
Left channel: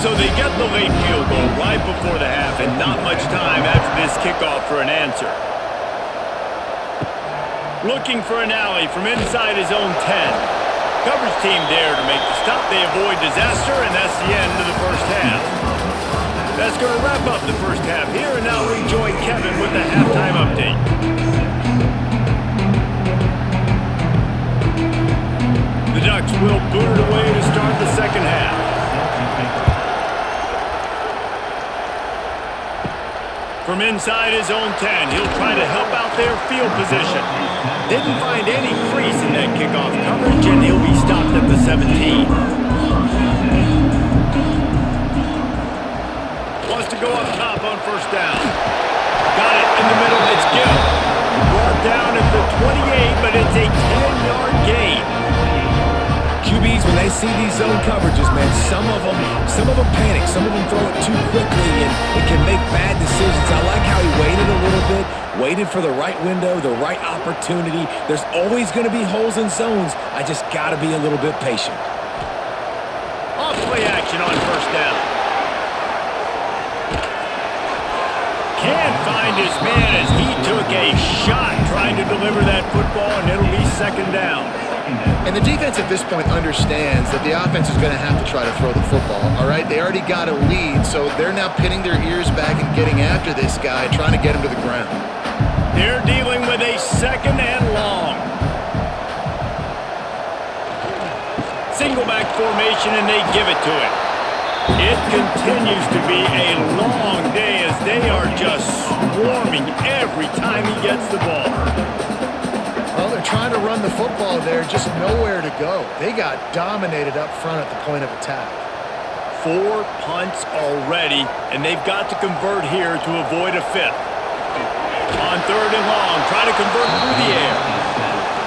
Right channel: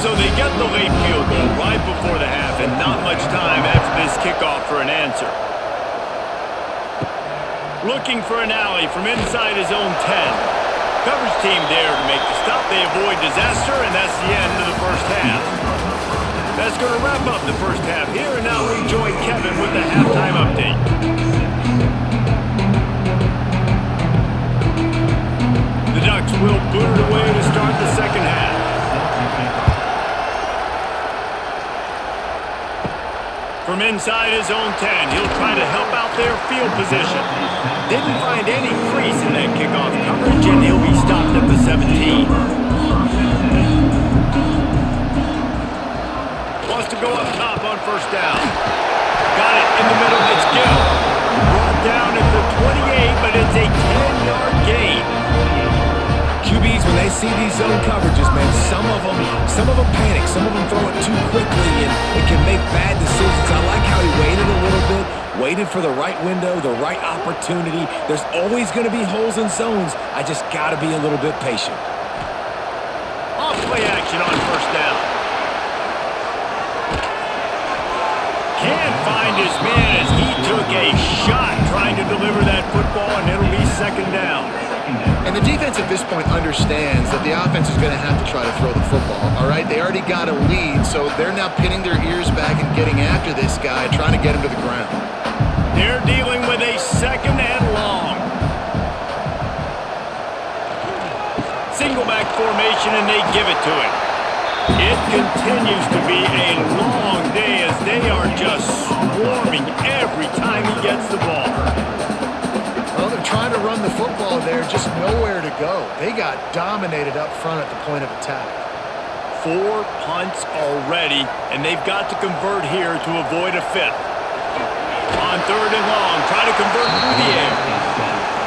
So they get the late field goal right before the half, and not much time after this kickoff for an answer. Looking for an alley from inside his own 10. Coverage team there to make the stop. They avoid disaster, and that's the end of the first half. That's going to wrap up the first half here, and now we join Kevin with the halftime update. The Ducks will boot it away to start the second half. From inside his own 10, he'll try to help out their field position. Didn't find any crease in that kickoff coverage, and he'll be stopped at the 17. Wants to go up top on first down. Got it in the middle. It's Gill. Brought down at the 28, but it's a 10-yard gain. QBs, when they see these zone coverages, man, some of them panic. Some of them throw it too quickly, and it can make bad decisions. I like how he waited a little bit, waited for the right window, the right opportunity. There's always going to be holes in zones. I just got to be a little bit patient. Off play action on first down. Can't find his man as he took a shot trying to deliver that football, and it'll be second down. And the defense at this point understands that the offense is going to have to try to throw the football, all right? They already got a lead, so they're now pinning their ears back and getting after this guy, trying to get him to the ground. They're dealing with a second and long. Single back formation, and they give it to it. It continues to be a long day as they are just swarming every time he gets the ball. Well, they're trying to run the football there, just nowhere to go. They got dominated up front at the point of attack. 4 punts already, and they've got to convert here to avoid a 5th. On third and long, try to convert through the air.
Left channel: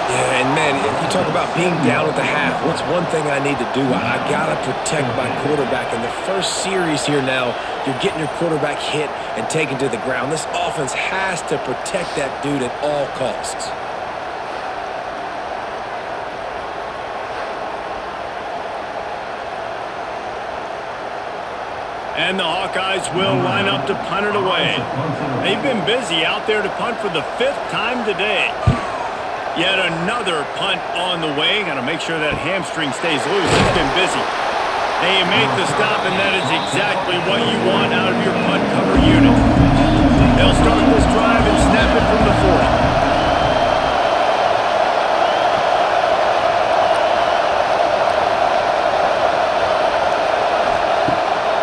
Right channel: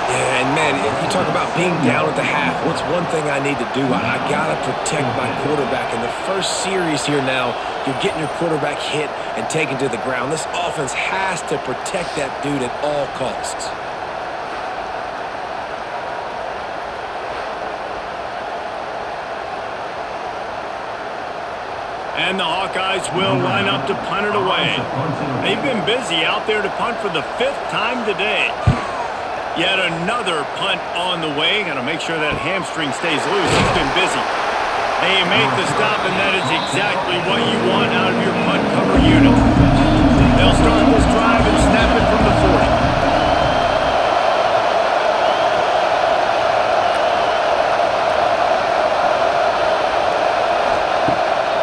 Yeah, and man, you talk about being down at the half. What's one thing I need to do? I got to protect my quarterback. In the first series here now, you're getting your quarterback hit and taken to the ground. This offense has to protect that dude at all costs. And the Hawkeyes will line up to punt it away. They've been busy out there to punt for the 5th time today. Yet another punt on the way. Got to make sure that hamstring stays loose. It's been busy. They make the stop, and that is exactly what you want out of your punt cover unit. They'll start this drive and snap it from the 40.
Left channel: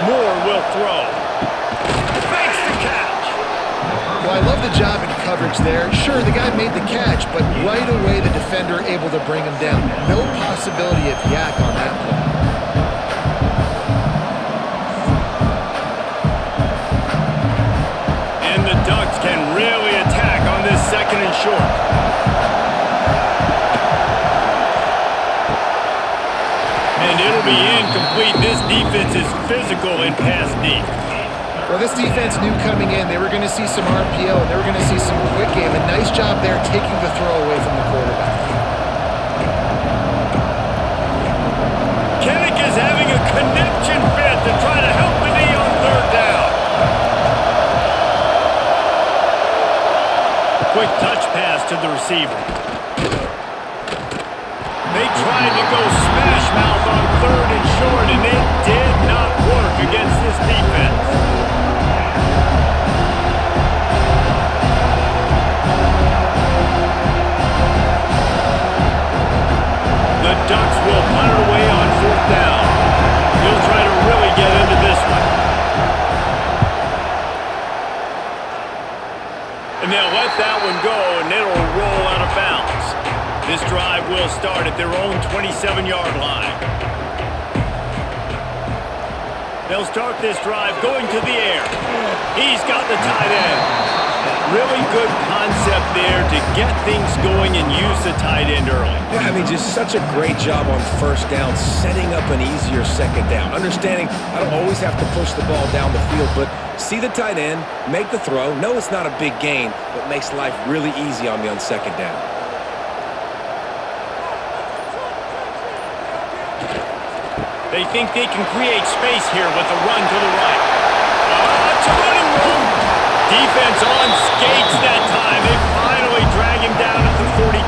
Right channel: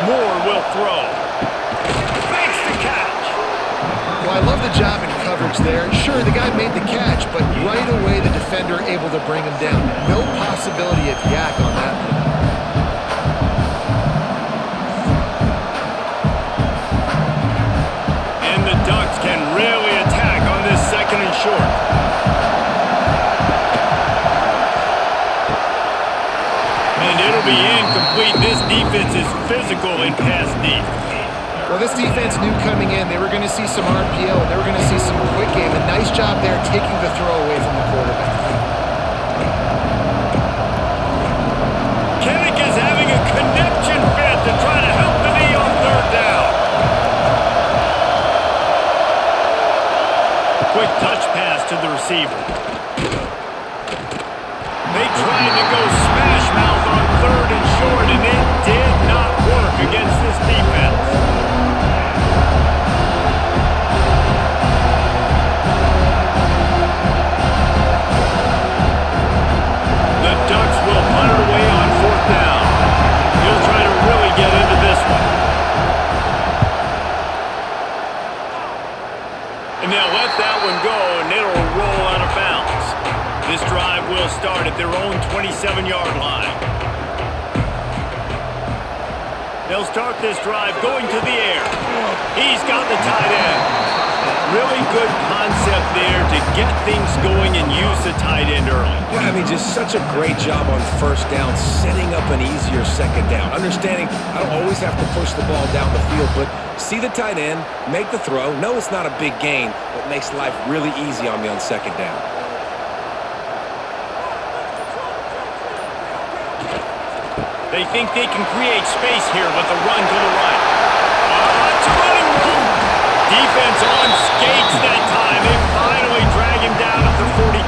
Moore will throw. Makes the catch. Well, I love the job in coverage there. Sure, the guy made the catch, but right away the defender able to bring him down. No possibility of yak on that play. And the Ducks can really attack on this second and short. And it'll be incomplete. This defense is physical in pass deep. Well, this defense knew coming in they were going to see some RPO and they were going to see some quick game. A nice job there taking the throw away from the quarterback. Kinnick is having a connection fit to try to help the D on third down. Quick touch pass to the receiver. They tried to go smash mouth on third and short, and it did not work against this defense. The Ducks will punt it away on fourth down. He'll try to really get into this one. they'll let that one go, and it'll roll out of bounds. This drive will start at their own 27-yard line. They'll start this drive going to the air. He's got the tight end. Really good concept there to get things going and use the tight end early. Yeah, I mean, just such a great job on first down, setting up an easier second down. Understanding I don't always have to push the ball down the field, but see the tight end, make the throw. No, it's not a big gain, but makes life really easy on me on second down. They think they can create space here with a run to the right. Lots of running room. Defense on skates that time. They finally drag him down at the 42.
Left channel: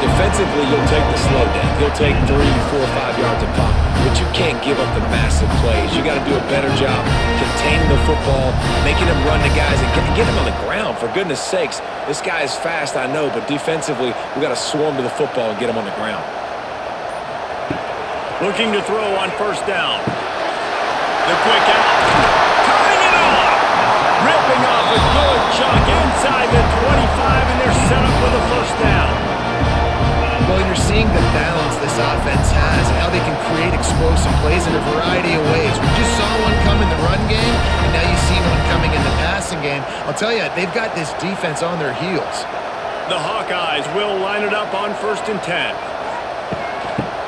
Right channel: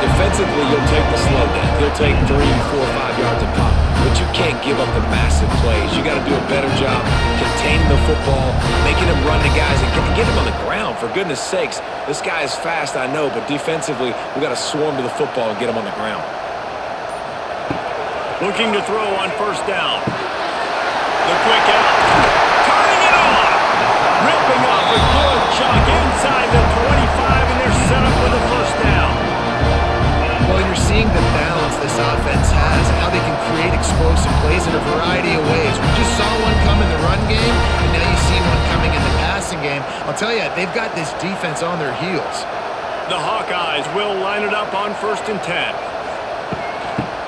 Defensively, you'll take the slow death. You'll take 3, 4, 5 yards a pop, but you can't give up the massive plays. You got to do a better job containing the football, making him run to guys, and get him on the ground. For goodness sakes, this guy is fast, I know, but defensively, we got to swarm to the football and get him on the ground. Looking to throw on first down. The quick out. Turning it on. Ripping off a good chunk inside the 25, and they're set up with a first down. Well, you're seeing the balance this offense has and how they can create explosive plays in a variety of ways. We just saw one come in the run game, and now you see one coming in the passing game. I'll tell you, they've got this defense on their heels. The Hawkeyes will line it up on 1st and 10.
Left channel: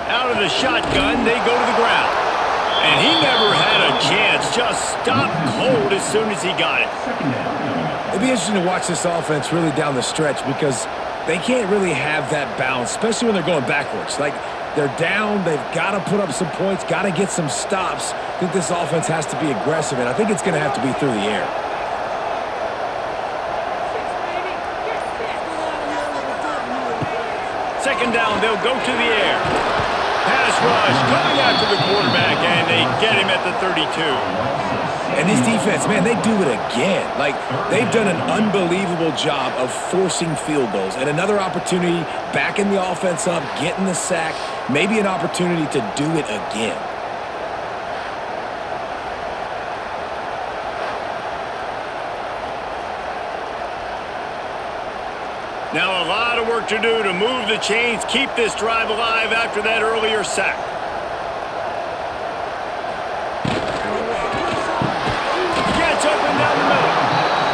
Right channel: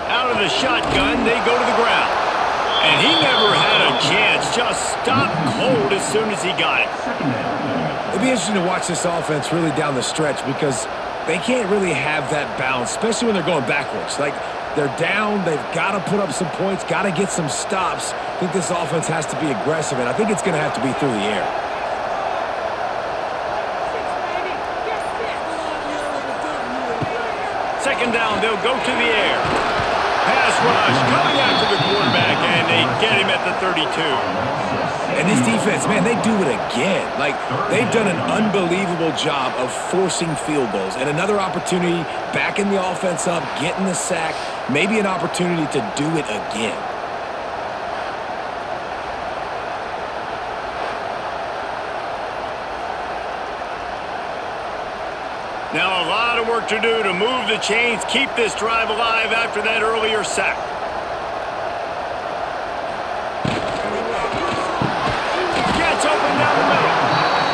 Out of the shotgun, they go to the ground. And he never had a chance, just stopped cold as soon as he got it. It'd be interesting to watch this offense really down the stretch because they can't really have that balance, especially when they're going backwards. Like, they're down, they've got to put up some points, got to get some stops. I think this offense has to be aggressive, and I think it's going to have to be through the air. Second down, they'll go to the air. Pass rush coming after the quarterback, and they get him at the 32. And this defense, man, they do it again. Like, they've done an unbelievable job of forcing field goals. And another opportunity, backing the offense up, getting the sack, maybe an opportunity to do it again. Now a lot of work to do to move the chains, keep this drive alive after that earlier sack. Gets open down the middle.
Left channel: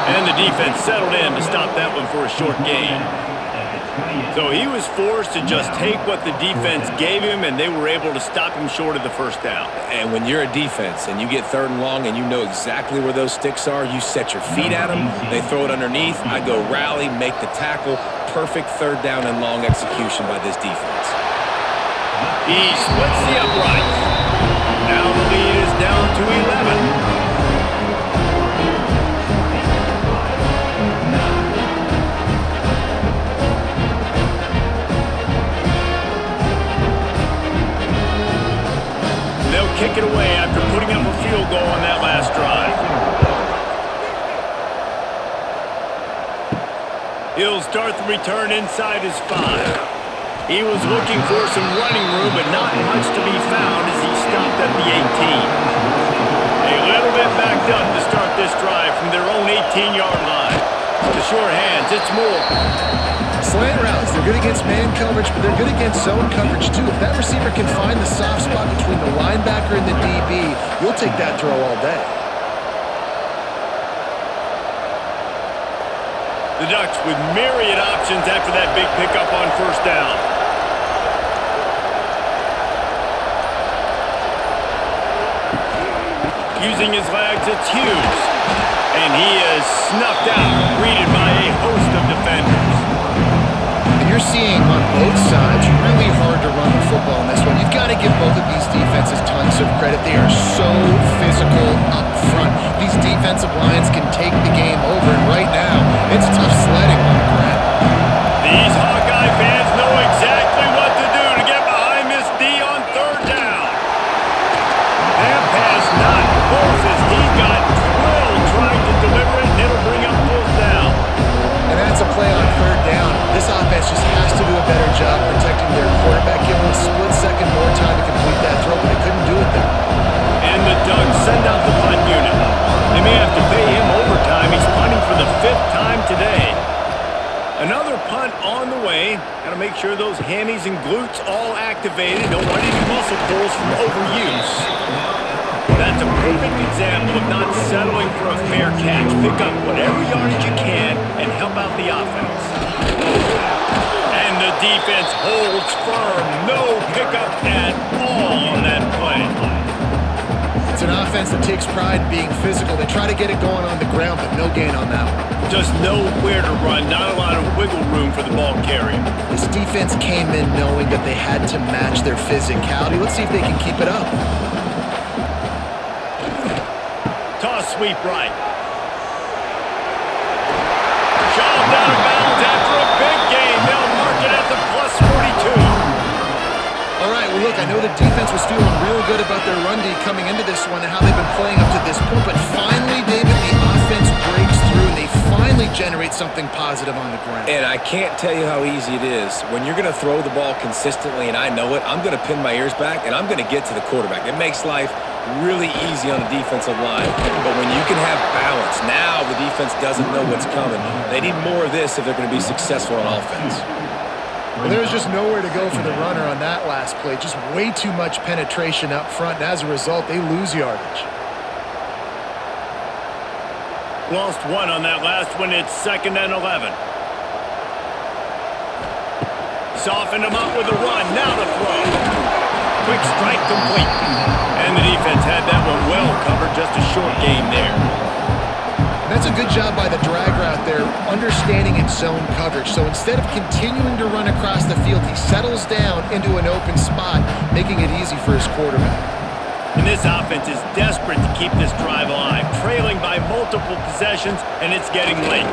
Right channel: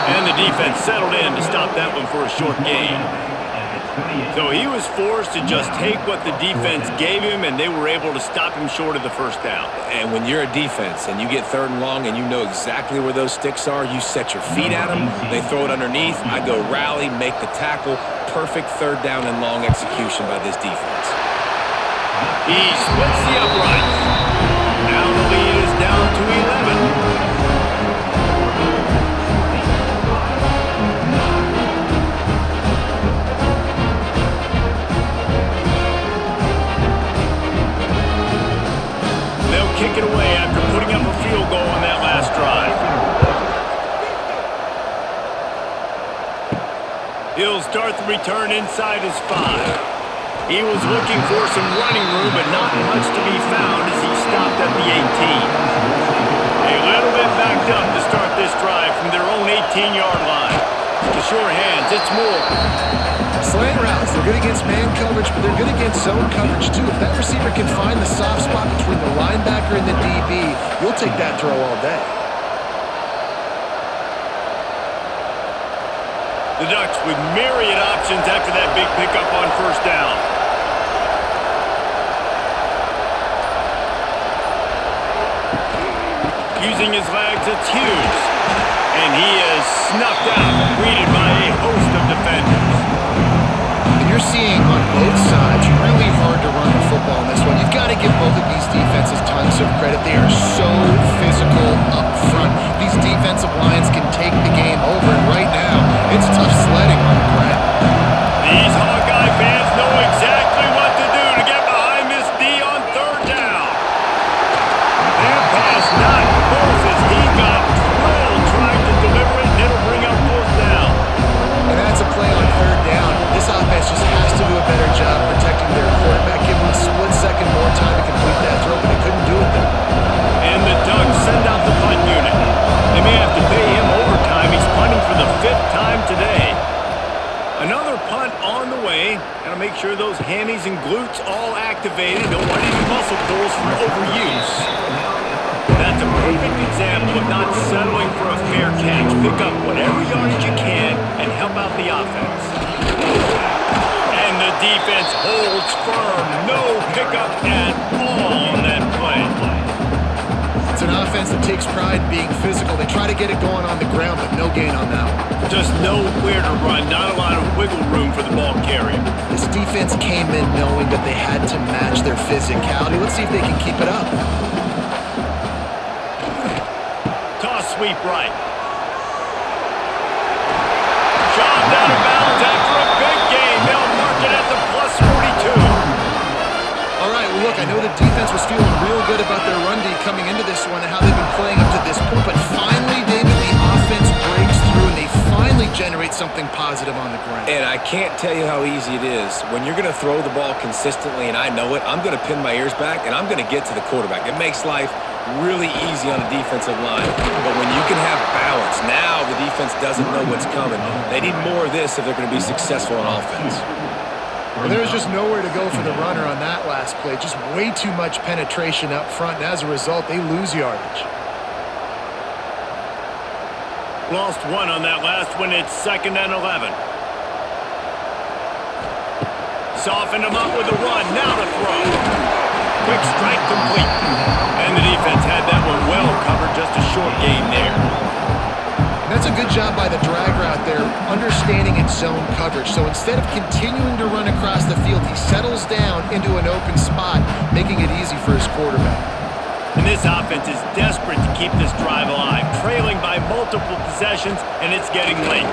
And the defense settled in to stop that one for a short gain. So he was forced to just take what the defense gave him, and they were able to stop him short of the first down. And when you're a defense and you get 3rd and long and you know exactly where those sticks are, you set your feet at them, they throw it underneath, I go rally, make the tackle. Perfect 3rd down and long execution by this defense. He splits the uprights. Now the lead is down to 11. They'll kick it away after putting up a field goal on that last drive. He'll start the return inside his 5. He was looking for some running room, but not much to be found as he stopped at the 18. A little bit backed up to start this drive from their own 18-yard line. The sure hands, it's Moore. Slant routes, they're good against man coverage, but they're good against zone coverage too. If that receiver can find the soft spot between the linebacker and the DB, you'll take that throw all day. The Ducks with myriad options after that big pickup on first down. Using his legs, it's Hughes. And he is snuffed out, greeted by a host of defenders. You're seeing on both sides really hard to run the football in this one. You've got to give both of these defenses tons of credit. They are so physical up front. These defensive lines can take the game over, and right now, it's tough sledding on the ground. These Hawkeye fans know exactly what to do to get behind this D on 3rd down. That pass not close as he got drilled trying to deliver it, and it'll bring up 4th down. And that's a play on 3rd down. This offense just has to do a better job protecting their quarterback. Give him a split second more time to complete that throw, but they couldn't do it there. And the Ducks send out the punt unit. They may have to pay him overtime. He's punting for the 5th time today. Another punt on the way. Got to make sure those hammies and glutes all activated. Don't want any muscle pulls from overuse. That's a perfect example of not settling for a fair catch. Pick up whatever yardage you can and help out the offense. And the defense holds firm. No pickup at all on that play. It's an offense that takes pride in being physical. They try to get it going on the ground, but no gain on that one. Just nowhere to run. Not a lot of wiggle room for the ball carrier. This defense came in knowing that they had to match their physicality. Let's see if they can keep it up. Toss sweep right. Shoved out of bounds after a big gain. They'll mark it at the plus 42. All right, well, look, I know the defense was feeling real good about their run D coming into this one and how they've been playing up to this point, but finally, David, the offense breaks through and they finally generate something positive on the ground. And I can't tell you how easy it is. When you're going to throw the ball consistently, and I know it, I'm going to pin my ears back, and I'm going to get to the quarterback. It makes life really easy on a defensive line. But when you can have balance, now the defense doesn't know what's coming. They need more of this if they're going to be successful on offense. Well, there was just nowhere to go for the runner on that last play. Just way too much penetration up front, and as a result, they lose yardage. Lost one on that last one. It's 2nd and 11. Softened them up with a run. Now to throw. Quick strike complete. And the defense had that one well covered. Just a short game there. That's a good job by the drag route there, understanding its zone coverage. So instead of continuing to run across the field, he settles down into an open spot, making it easy for his quarterback. And this offense is desperate to keep this drive alive, trailing by multiple possessions, and it's getting late.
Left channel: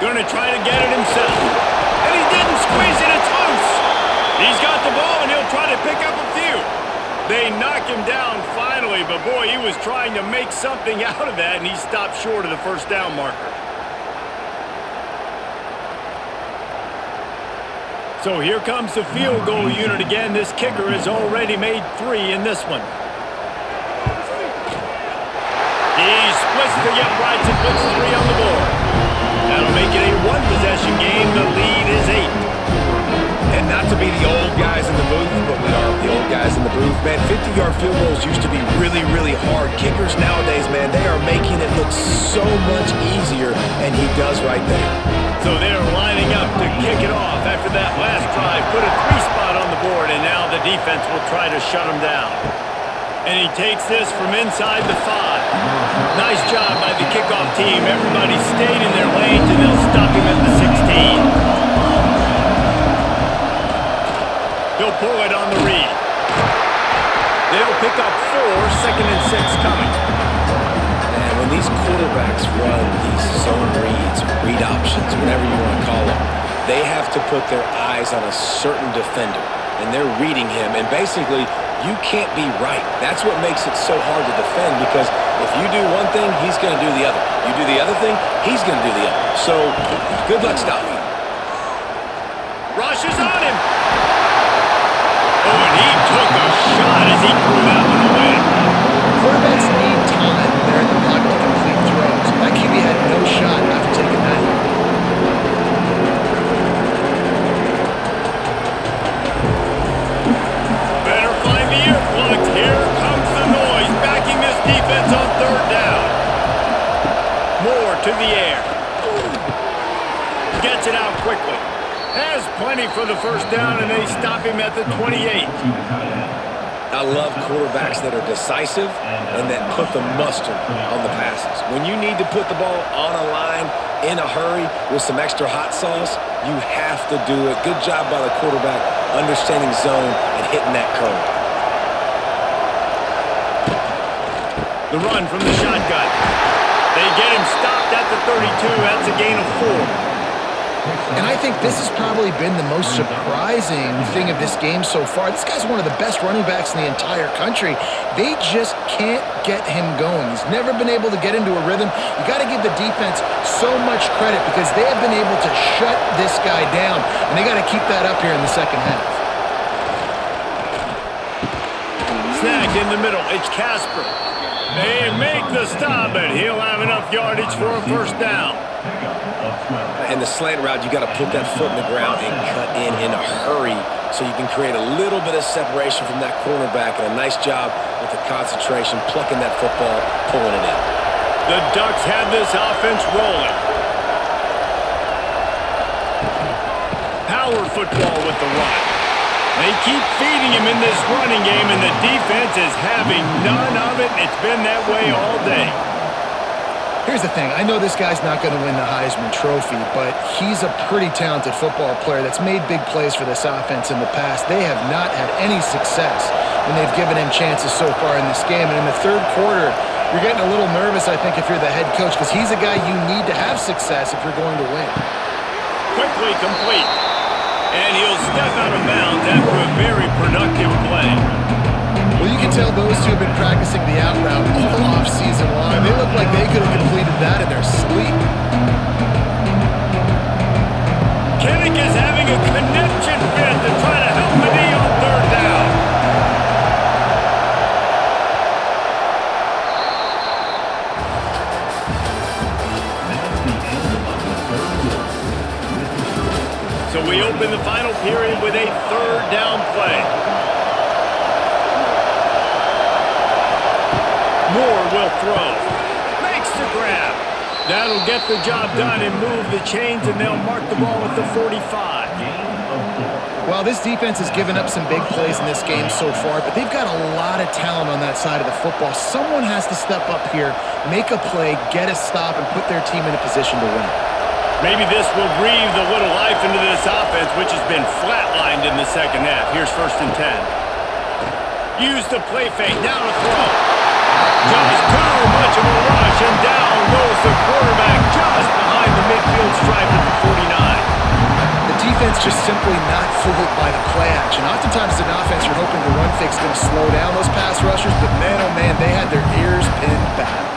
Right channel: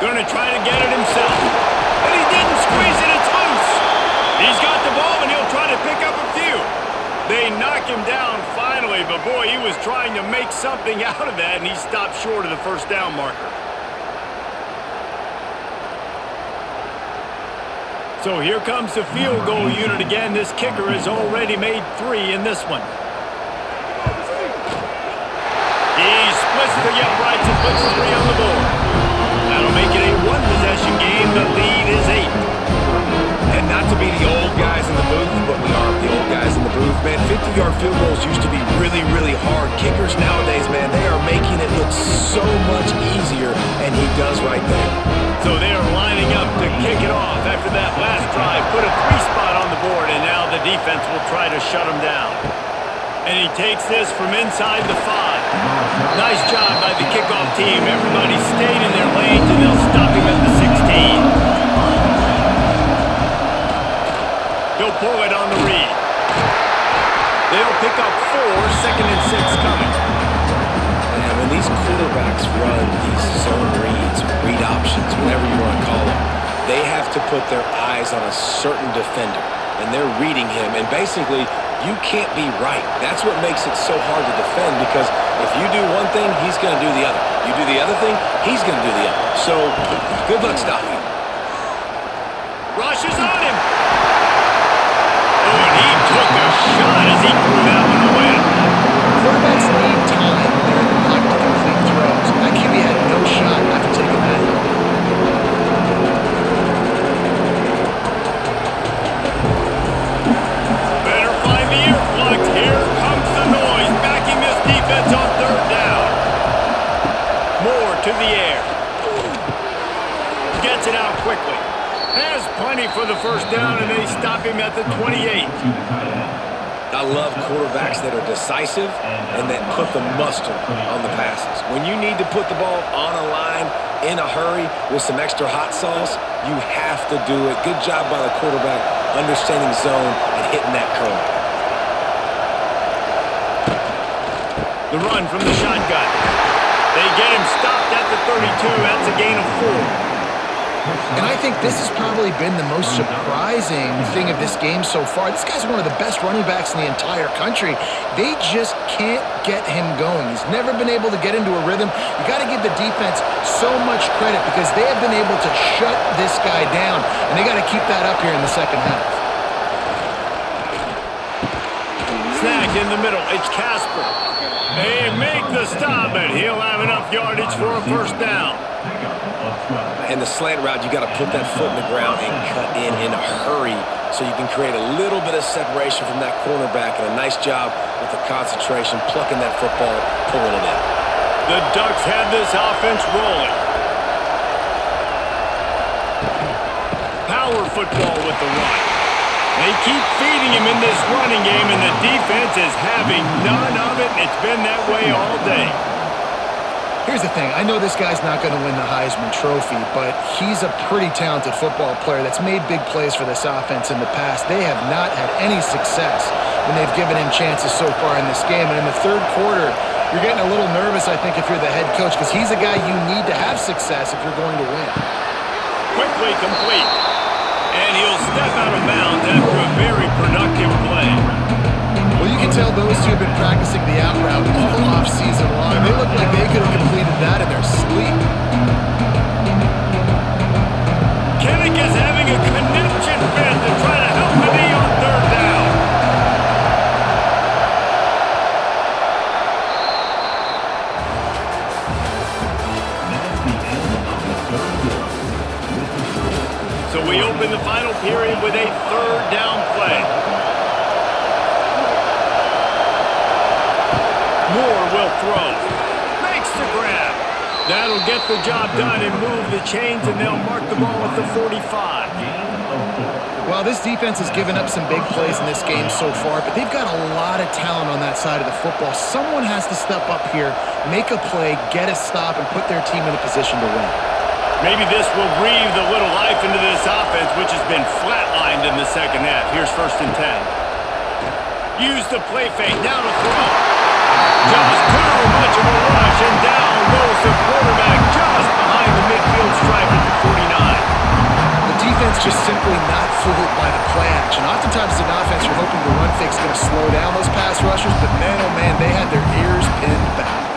Going to try to get it himself. And he didn't squeeze it, it's loose. He's got the ball, and he'll try to pick up a few. They knock him down finally, but boy, he was trying to make something out of that, and he stopped short of the first down marker. So here comes the field goal unit again. This kicker has already made 3 in this one. He splits the uprights and puts 3 on the board. That'll make it a 1-possession game. The lead is 8. And not to be the old guys in the booth, but we are the old guys in the booth. Man, 50-yard field goals used to be really, really hard. Kickers nowadays, man, they are making it look so much easier, and he does right there. So they're lining up to kick it off after that last drive. Put a 3-spot on the board, and now the defense will try to shut him down. And he takes this from inside the 5. Nice job by the kickoff team. Everybody stayed in their lanes, and they'll stop him at the 16. He'll pull it on the read. They'll pick up 4, 2nd and 6 coming. And when these quarterbacks run these zone reads, or read options, whatever you want to call them, they have to put their eyes on a certain defender. And they're reading him. And basically, you can't be right. That's what makes it so hard to defend, because if you do one thing, he's going to do the other. You do the other thing, he's going to do the other. So, good luck stopping him. Rushes on him. Oh, and he took a shot as he threw that one away. Quarterbacks need time when they're in the pocket to complete throws. That QB had no shot after taking that hit. Better find the earplugs. Here comes the noise, backing this defense on 3rd down. Moore to the air. Gets it out quickly. Has plenty for the first down, and they stop him at the 28. I love quarterbacks that are decisive and that put the mustard on the passes. When you need to put the ball on a line in a hurry with some extra hot sauce, you have to do it. Good job by the quarterback understanding zone and hitting that curl. The run from the shotgun. They get him stopped at the 32. That's a gain of 4. And I think this has probably been the most surprising thing of this game so far. This guy's one of the best running backs in the entire country. They just can't get him going. He's never been able to get into a rhythm. You got to give the defense so much credit because they have been able to shut this guy down, and they got to keep that up here in the second half. Snagged in the middle. It's Casper. They make the stop, but he'll have enough yardage for a first down. In the slant route, you got to put that foot in the ground and cut in a hurry so you can create a little bit of separation from that cornerback, and a nice job with the concentration, plucking that football, pulling it in. The Ducks have this offense rolling. Power football with the run. They keep feeding him in this running game, and the defense is having none of it, and it's been that way all day. Here's the thing. I know this guy's not going to win the Heisman Trophy, but he's a pretty talented football player that's made big plays for this offense in the past. They have not had any success when they've given him chances so far in this game. And in the third quarter, you're getting a little nervous, I think, if you're the head coach, because he's a guy you need to have success if you're going to win. Quickly complete. And he'll step out of bounds after a very productive play. Well, you can tell those two have been practicing the out route all off season long. They look like they could have completed that in their sleep. Kinnick is having a connection fit to try to help the knee on third down. That's the end of the third quarter. So we open the final period with a third down play. Moore will throw. Makes the grab. That'll get the job done and move the chains, and they'll mark the ball at the 45. Well, this defense has given up some big plays in this game so far, but they've got a lot of talent on that side of the football. Someone has to step up here, make a play, get a stop, and put their team in a position to win. Maybe this will breathe a little life into this offense, which has been flatlined in the second half. Here's 1st and 10. Use the play fake. Now to throw. Just too much of a rush, and down goes the quarterback just behind the midfield stripe at the 49. The defense just simply not fooled by the play action. Oftentimes as an offense, you're hoping the run fake's going to slow down those pass rushers, but man, oh man, they had their ears pinned back.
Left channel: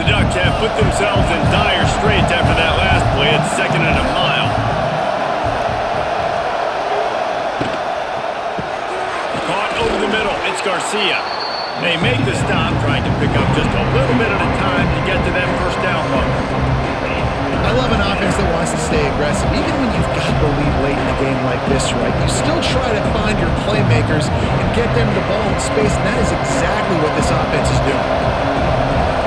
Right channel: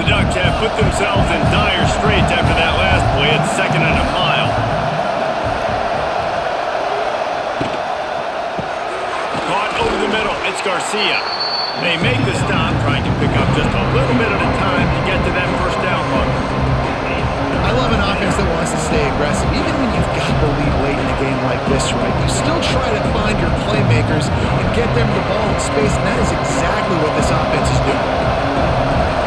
The Ducks have put themselves in dire straits after that last play. It's 2nd and a mile. Caught over the middle. It's Garcia. They make the stop, trying to pick up just a little bit at a time to get to that first down marker. I love an offense that wants to stay aggressive. Even when you've got the lead late in a game like this, right, you still try to find your playmakers and get them the ball in space, and that is exactly what this offense is doing.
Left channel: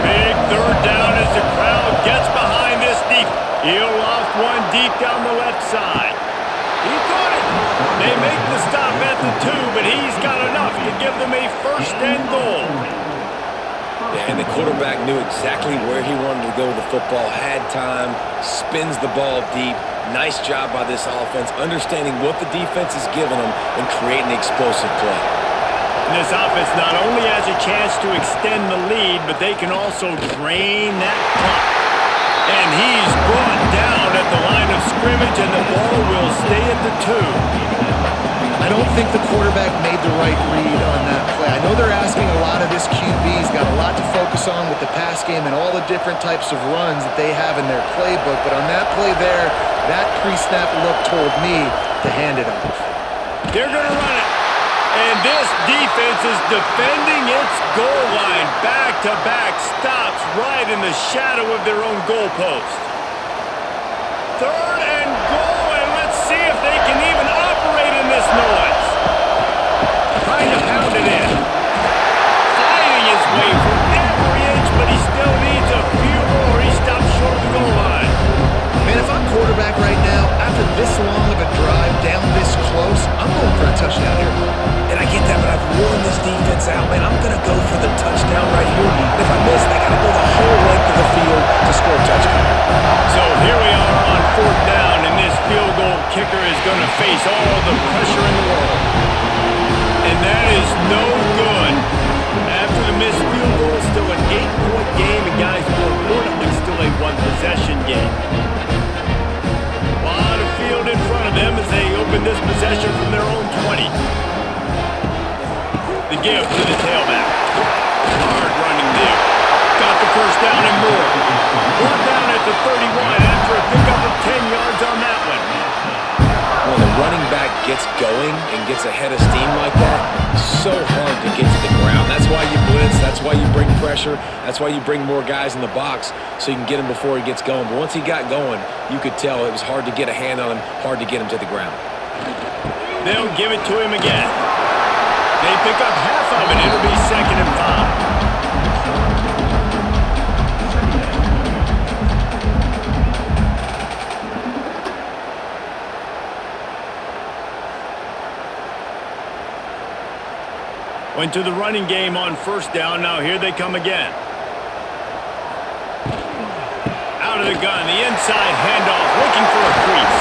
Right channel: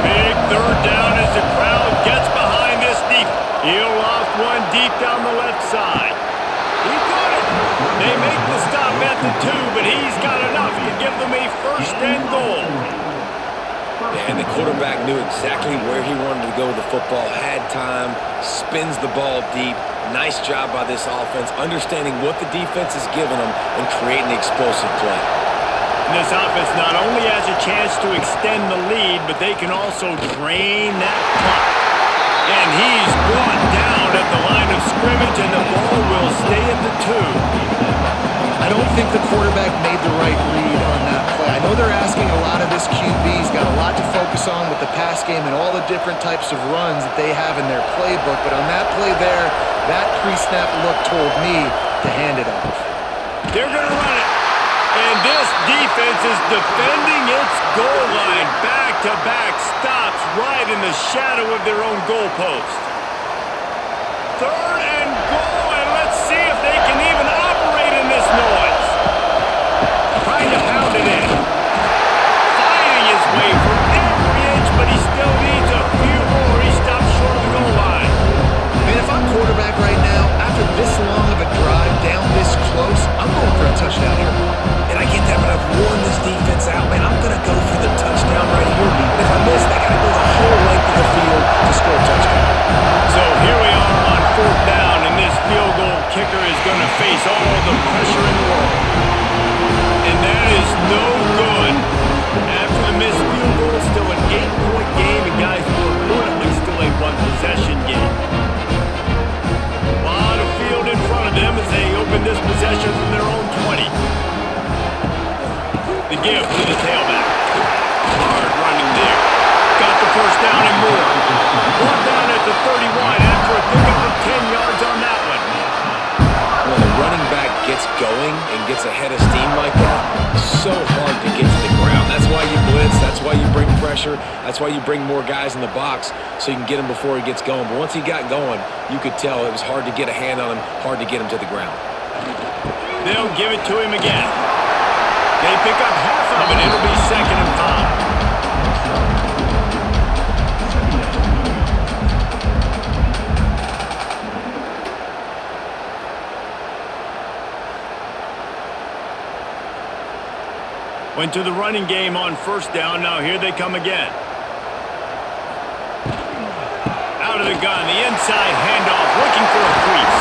Big third down as the crowd gets behind this deep. He'll loft one deep down the left side. He caught it. They make the stop at the 2, but he's got enough to give them a 1st and goal. Yeah, and the quarterback knew exactly where he wanted to go with the football, had time, spins the ball deep. Nice job by this offense, understanding what the defense is giving them and creating explosive play. And this offense not only has a chance to extend the lead, but they can also drain that clock. And he's brought down at the line of scrimmage, and the ball will stay at the 2. I don't think the quarterback made the right read on that play. I know they're asking a lot of this QB. He's got a lot to focus on with the pass game and all the different types of runs that they have in their playbook. But on that play there, that pre-snap look told me to hand it off. They're going to run it. And this defense is defending its goal line. Back-to-back stops right in the shadow of their own goalpost. 3rd and goal, and let's see if they can even operate in this noise. Trying to pound it in. Fighting his way for every inch, but he still needs a few more. He stops short of the goal line. Man, if I'm quarterback right now, after this long of a drive down this close, I'm going for a touchdown here, Bob. And I get that, but I've worn this defense out, man. I'm going to go for the touchdown right here. And if I miss, I got to go the whole length of the field to score a touchdown. So here we are on 4th down, and this field goal kicker is going to face all the pressure in the world. And And that is no good. After the missed field goal, still an 8-point game, and guys, more importantly, still a one-possession game. A lot of field in front of them as they open this possession from their own 20. The give to the tailback. Hard running there. Got the first down and more. One down at the 31 after a pickup of 10 yards on that one. When the running back gets going and gets ahead of steam like that, so hard to get to the ground. That's why you blitz. That's why you bring pressure. That's why you bring more guys in the box so you can get him before he gets going. But once he got going, you could tell it was hard to get a hand on him, hard to get him to the ground. They'll give it to him again. They pick up half of it. It'll be 2nd and 5. Went to the running game on first down. Now here they come again. Out of the gun, the inside handoff, looking for a crease.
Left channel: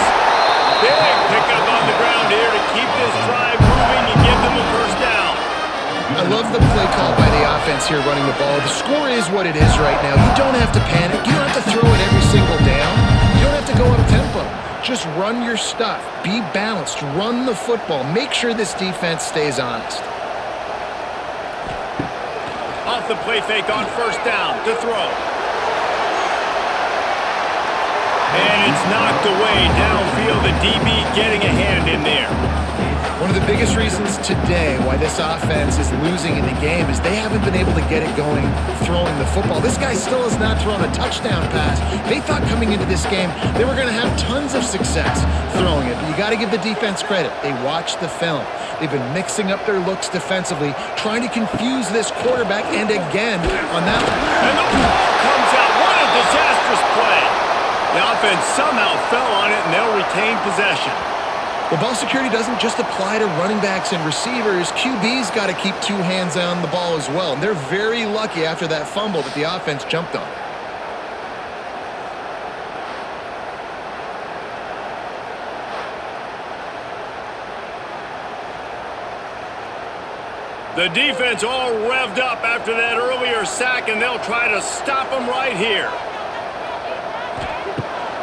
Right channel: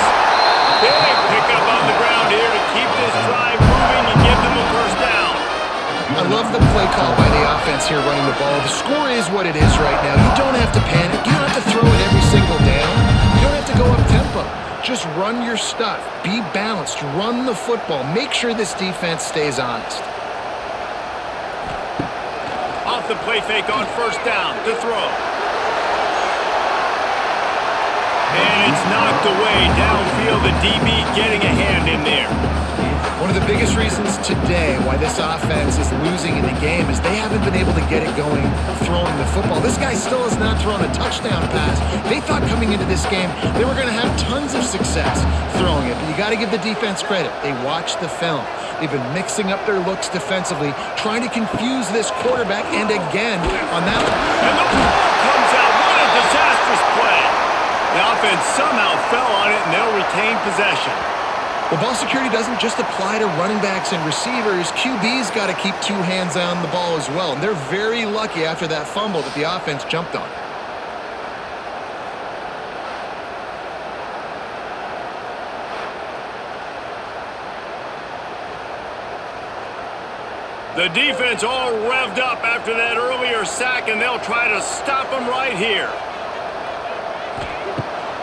Big pickup on the ground here to keep this drive moving and give them a first down. I love the play call by the offense here running the ball. The score is what it is right now. You don't have to panic. You don't have to throw it every single down. You don't have to go up tempo. Just run your stuff. Be balanced. Run the football. Make sure this defense stays honest. Off the play fake on first down to throw. And it's knocked away downfield. The DB getting a hand in there. One of the biggest reasons today why this offense is losing in the game is they haven't been able to get it going throwing the football. This guy still has not thrown a touchdown pass. They thought coming into this game they were going to have tons of success throwing it, but you got to give the defense credit. They watched the film. They've been mixing up their looks defensively, trying to confuse this quarterback, and again on that one. And the ball comes out. What a disastrous play. The offense somehow fell on it, and they'll retain possession. Well, ball security doesn't just apply to running backs and receivers. QB's got to keep two hands on the ball as well. And they're very lucky after that fumble that the offense jumped on. The defense all revved up after that earlier sack, and they'll try to stop them right here.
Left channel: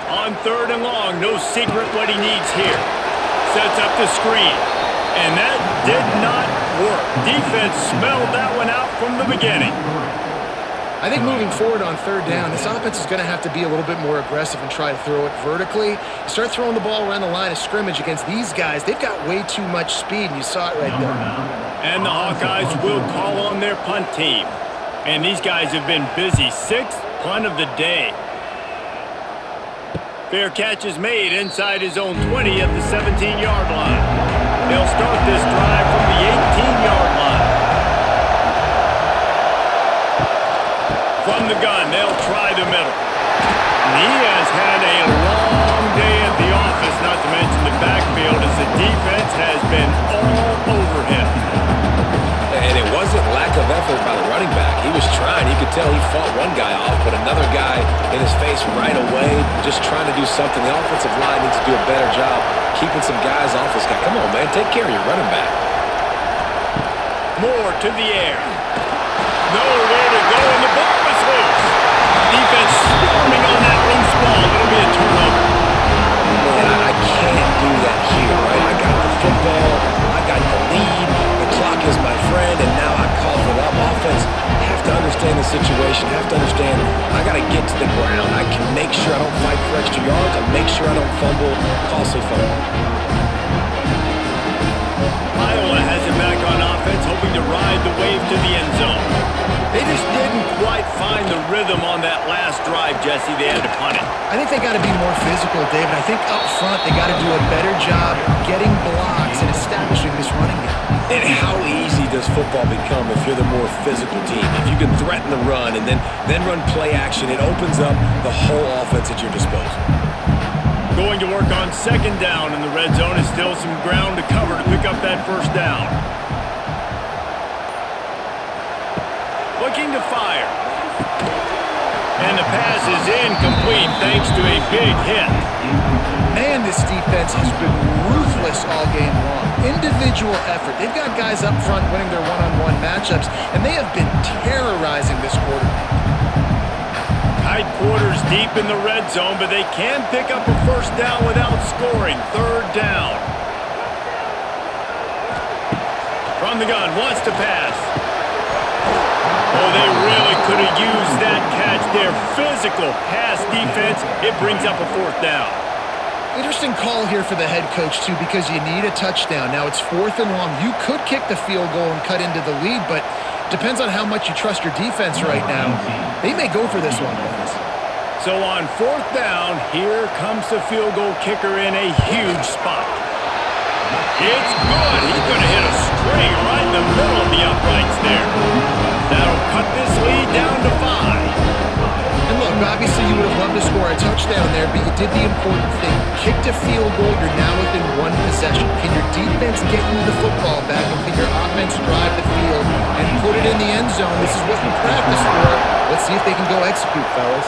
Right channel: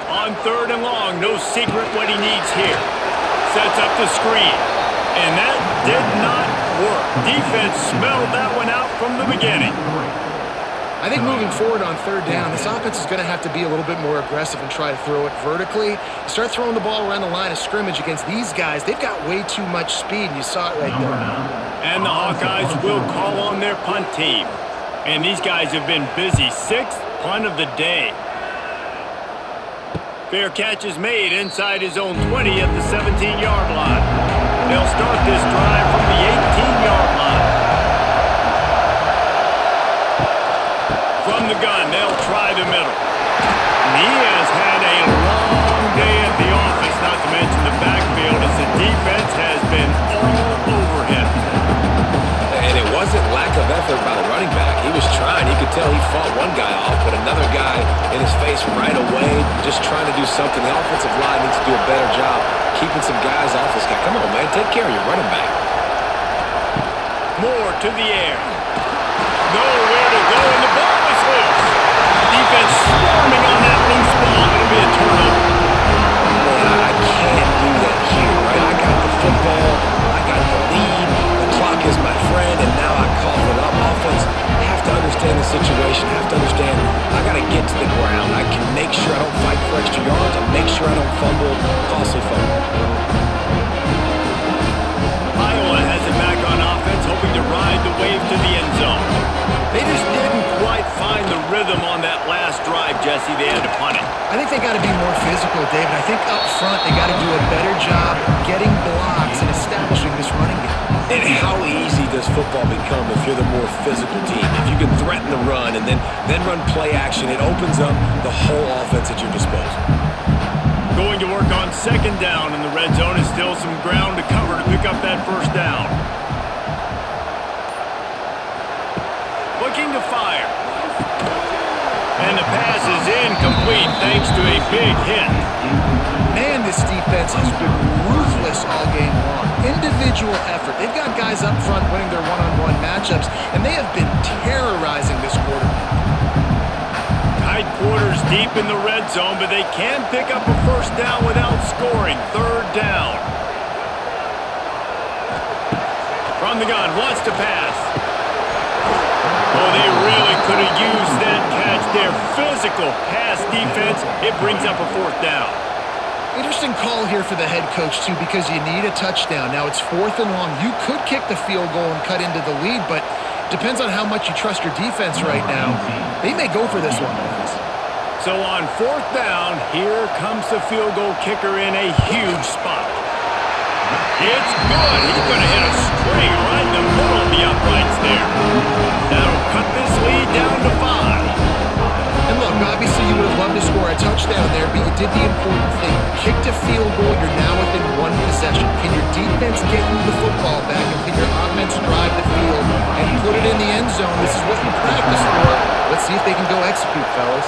On 3rd and long, no secret what he needs here. Sets up the screen, and that did not work. Defense smelled that one out from the beginning. I think moving forward on 3rd down, this offense is going to have to be a little bit more aggressive and try to throw it vertically. Start throwing the ball around the line of scrimmage against these guys. They've got way too much speed, and you saw it right there. And the Hawkeyes will call on their punt team. And these guys have been busy. 6th punt of the day. Fair catch is made inside his own 20 at the 17-yard line. They'll start this drive from the 18-yard line. From the gun, they'll try the middle. And he has had a long day at the office, not to mention the backfield, as the defense has been all over him. And it wasn't lack of effort by the running back. He was trying. You could tell he fought one guy off, put another guy in his face right away, just trying to do something. The offensive line needs to do a better job keeping some guys off this guy. Come on, man. Take care of your running back. Moore to the air. Nowhere to go, and the ball is loose. Defense swarming on that loose ball. It'll be a turnover. Man, I can't do that here, right? I got the football. I got the lead. The clock is my friend, and now I cough it up. Offense have to understand the situation, have to understand I got to get to the ground. I can make sure I don't fight for extra yards. I make sure I don't fumble, costly fumble. Iowa has it back on offense, hoping to ride the wave to the end zone. They just didn't quite find the rhythm on that last drive, Jesse. They had to punt it. I think they got to be more physical, David. I think up front they got to do a better job getting blocks and establishing this running game. And how easy does football become if you're the more physical team? If you can threaten the run and then run play action, it opens up the whole offense at your disposal. Going to work on 2nd down, and the red zone is still some ground to cover to pick up that first down. Looking to fire. And the pass is incomplete thanks to a big hit. Man this defense has been ruthless all game long. Individual effort. They've got guys up front winning their one-on-one matchups, and they have been terrorizing this quarterback. Tight quarters deep in the red zone, but they can pick up a first down without scoring. Third down. From the gun, wants to pass. Oh, they really could have used that catch there. Physical pass defense. It brings up a fourth down. Interesting call here for the head coach, too, because you need a touchdown. Now it's 4th and long. You could kick the field goal and cut into the lead, but depends on how much you trust your defense right now. They may go for this one, guys. So on 4th down, here comes the field goal kicker in a huge spot. It's good. He's going to hit a string right in the middle of the uprights there. That'll cut this lead down to 5. And look, obviously you would have loved to score a touchdown there, but you did the important thing. Kicked a field goal, you're now within one possession. Can your defense get you the football back, and can your offense drive the field and put it in the end zone? This is what you practice for. Let's see if they can go execute, fellas.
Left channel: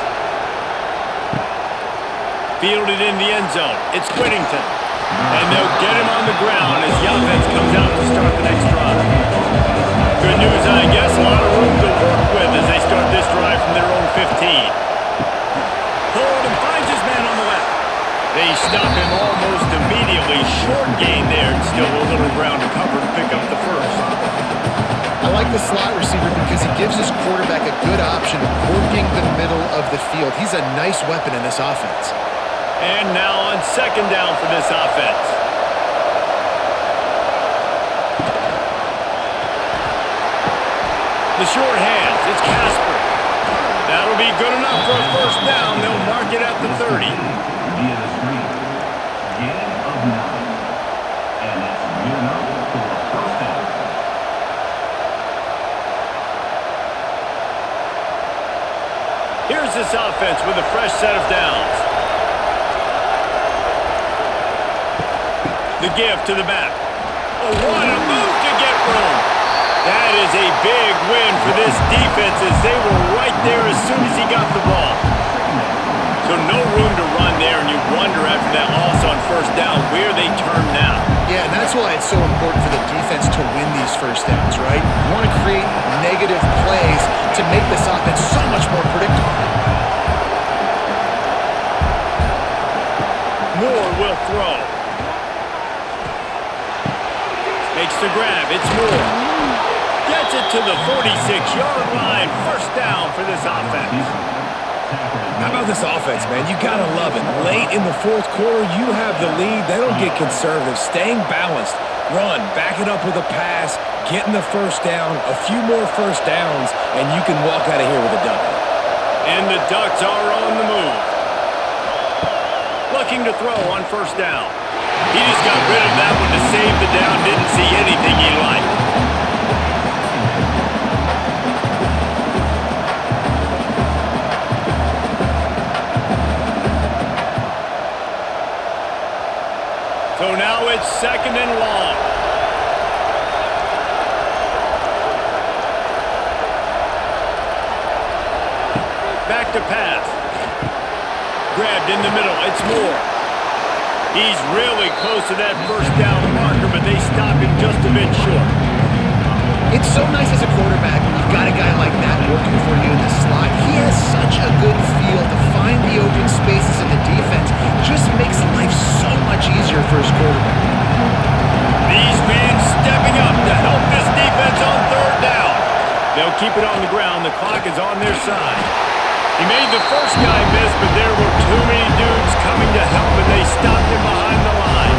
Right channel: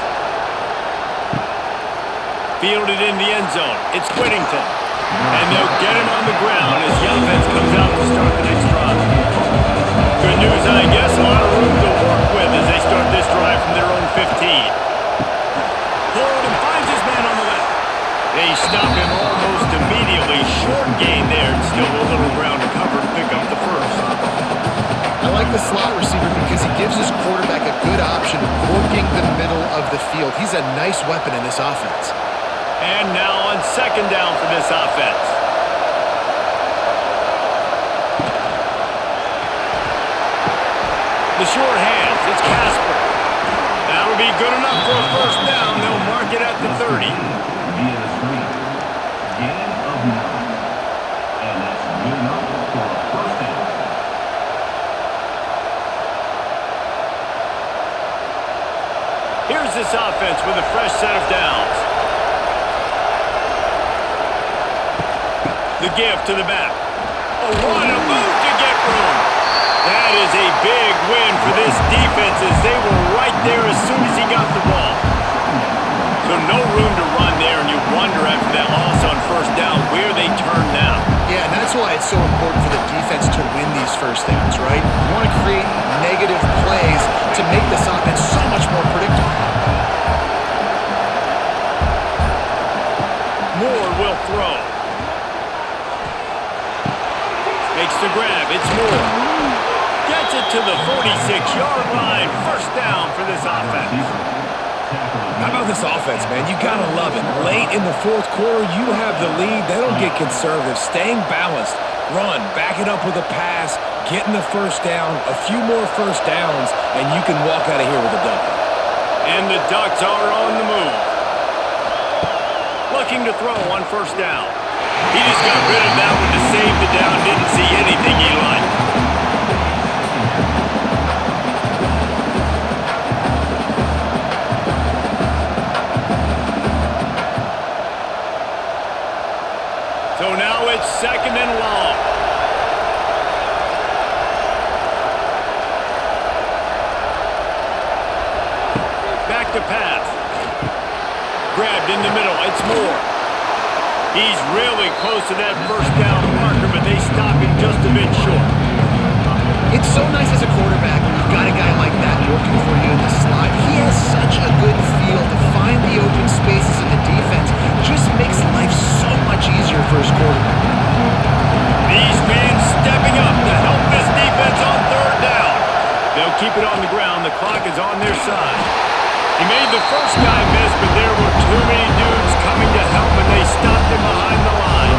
Fielded in the end zone. It's Whittington. And they'll get him on the ground as the offense comes out to start the next drive. Good news, I guess. A lot of room to work with as they start this drive from their own 15. Hold and finds his man on the left. They stop him almost immediately. Short gain there. And still a little ground to cover to pick up the first. I like the slot receiver because he gives his quarterback a good option working the middle of the field. He's a nice weapon in this offense. And now on 2nd down for this offense. The short hands, it's Casper. That'll be good enough for a first down. They'll mark it at the 30. Via the screen. Gain of 9. And that's good enough for a first down. Here's this offense with a fresh set of downs. The give to the back. Oh, what a move to get room. That is a big win for this defense as they were right there as soon as he got the ball. So no room to run there, and you wonder after that loss on first down where they turn now. Yeah, and that's why it's so important for the defense to win these first downs, right? You want to create negative plays to make this offense so much more predictable. Moore will throw. Makes the grab. It's Moore. Gets it to the 46-yard line. First down for this offense. How about this offense, man? You got to love it. Late in the 4th quarter, you have the lead. They don't get conservative. Staying balanced. Run. Back it up with a pass. Getting the first down. A few more first downs, and you can walk out of here with a W. And the Ducks are on the move. Looking to throw on first down. He just got rid of that one to save the down. Didn't see anything he liked. So now it's 2nd and long. Back to pass. Grabbed in the middle. It's Moore. He's really close to that first down marker, but they stop him just a bit short. It's so nice as a quarterback when you've got a guy like that working for you in the slot. He has such a good feel to find the open spaces in the defense. Just makes life so much easier for his quarterback. These men stepping up to help this defense on 3rd down. They'll keep it on the ground. The clock is on their side. He made the first guy miss, but there were too many dudes coming to help, and they stopped him behind the line.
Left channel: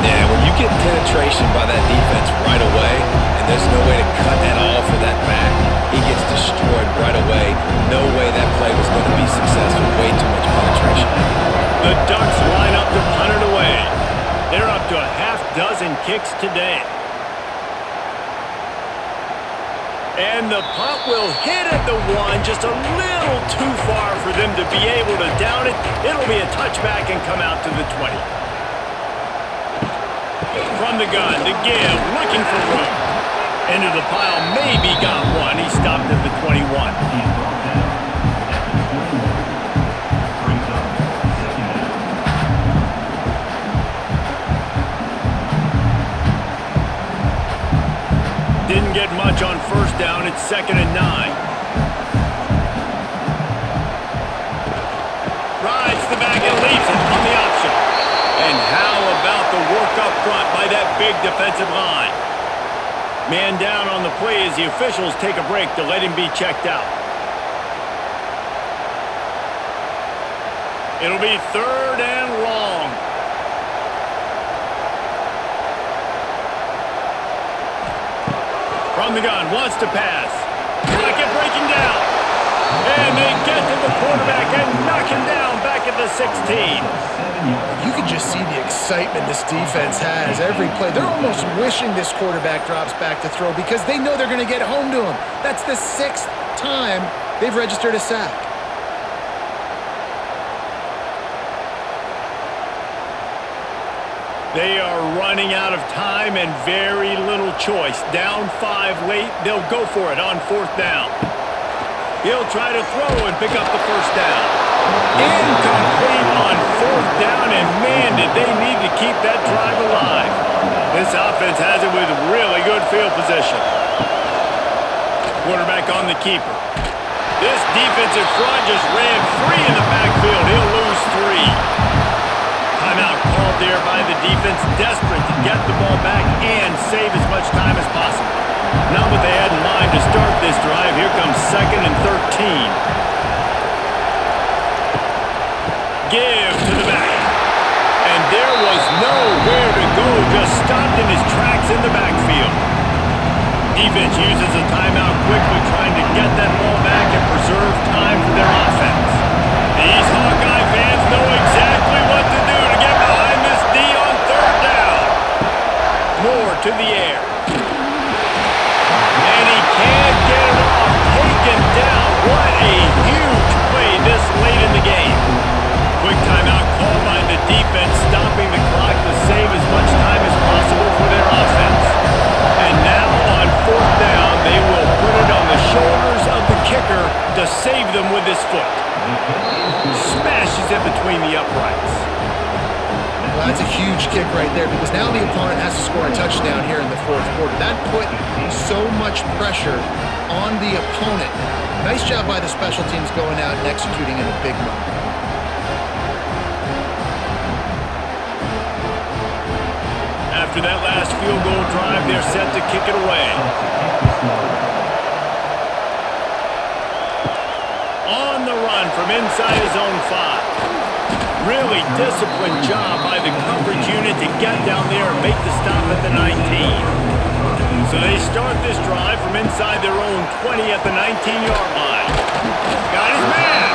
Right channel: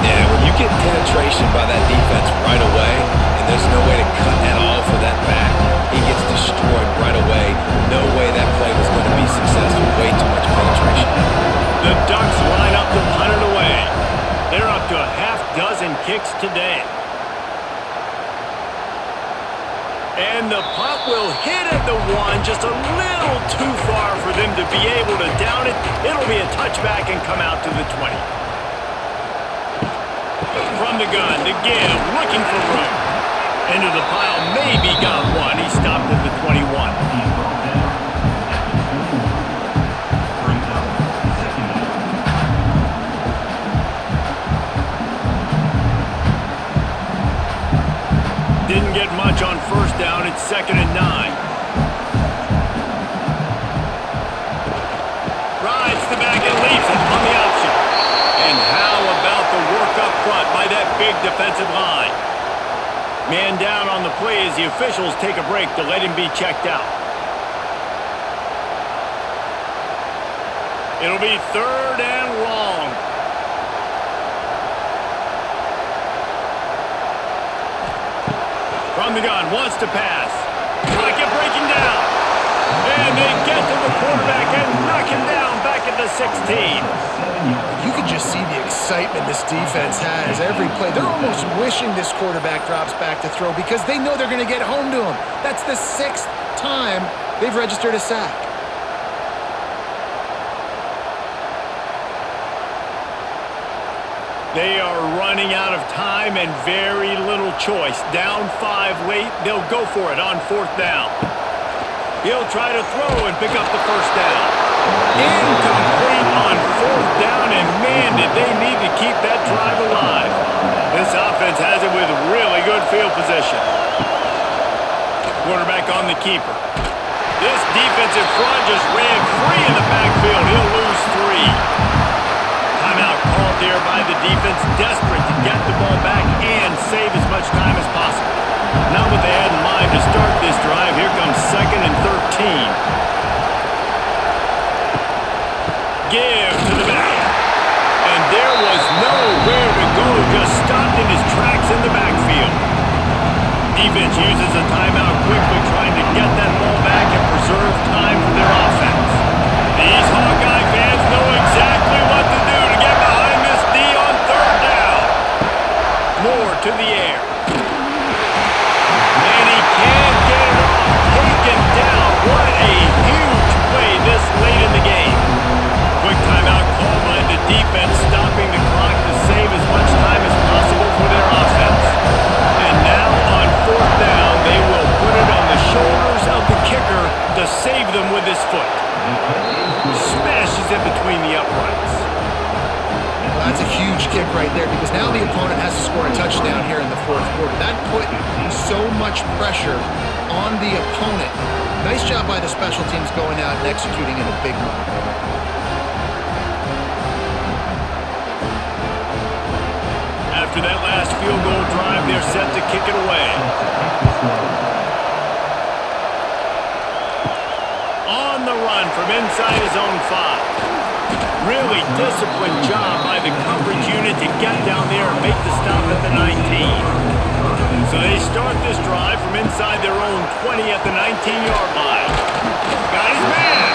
Yeah, when you get penetration by that defense right away, and there's no way to cut at all for that back, he gets destroyed right away. No way that play was going to be successful. Way too much penetration. The Ducks line up to punt it away. They're up to a half dozen kicks today. And the punt will hit at the 1, just a little too far for them to be able to down it. It'll be a touchback and come out to the 20. From the gun, the give, looking for room. Into the pile, maybe got one. He stopped at the 21. He's brought down at the 21. Brings up 2nd down. Didn't get much on first down. It's 2nd and 9. Rides the back and leaves it on the option. And how about the work up front by that big defensive line? Man down on the play as the officials take a break to let him be checked out. It'll be 3rd and long. From the gun, wants to pass. Pocket breaking down. And they get to the quarterback and knock him down back at the 16. You can just see the excitement this defense has every play. They're almost wishing this quarterback drops back to throw because they know they're going to get home to him. That's the 6th time they've registered a sack. They are running out of time and very little choice. Down 5 late, they'll go for it on 4th down. He'll try to throw and pick up the 1st down. Incomplete on 4th down, and man, did they need to keep that drive alive. This offense has it with really good field position. Quarterback on the keeper. This defensive front just ran free in the backfield. He'll lose 3. Timeout called there by the defense, desperate to get the ball back and save as much time as possible. Not what they had in mind to start this drive. Here comes 2nd and 13. Give to the back. And there was nowhere to go, just stopped in his tracks in the backfield. Defense uses a timeout quickly, trying to get that ball back and preserve time for their offense. These Hawkeye fans know exactly what to do to get behind this D on 3rd down. Moore to the air. And he can't get it off. Taken down. What a huge play this late in the game. Quick timeout called by the defense, stopping the clock to save as much time as possible for their offense. And now on 4th down, they will put it on the shoulders of the kicker to save them with his foot. Smashes it between the uprights. Well, that's a huge kick right there because now the opponent has to score a touchdown here in the 4th quarter. That put so much pressure on the opponent now. Nice job by the special teams going out and executing in a big moment. After that last field goal drive, they're set to kick it away. On the run from inside his own 5. Really disciplined job by the coverage unit to get down there and make the stop at the 19. So they start this drive from inside their own 20 at the 19-yard line. Got his man.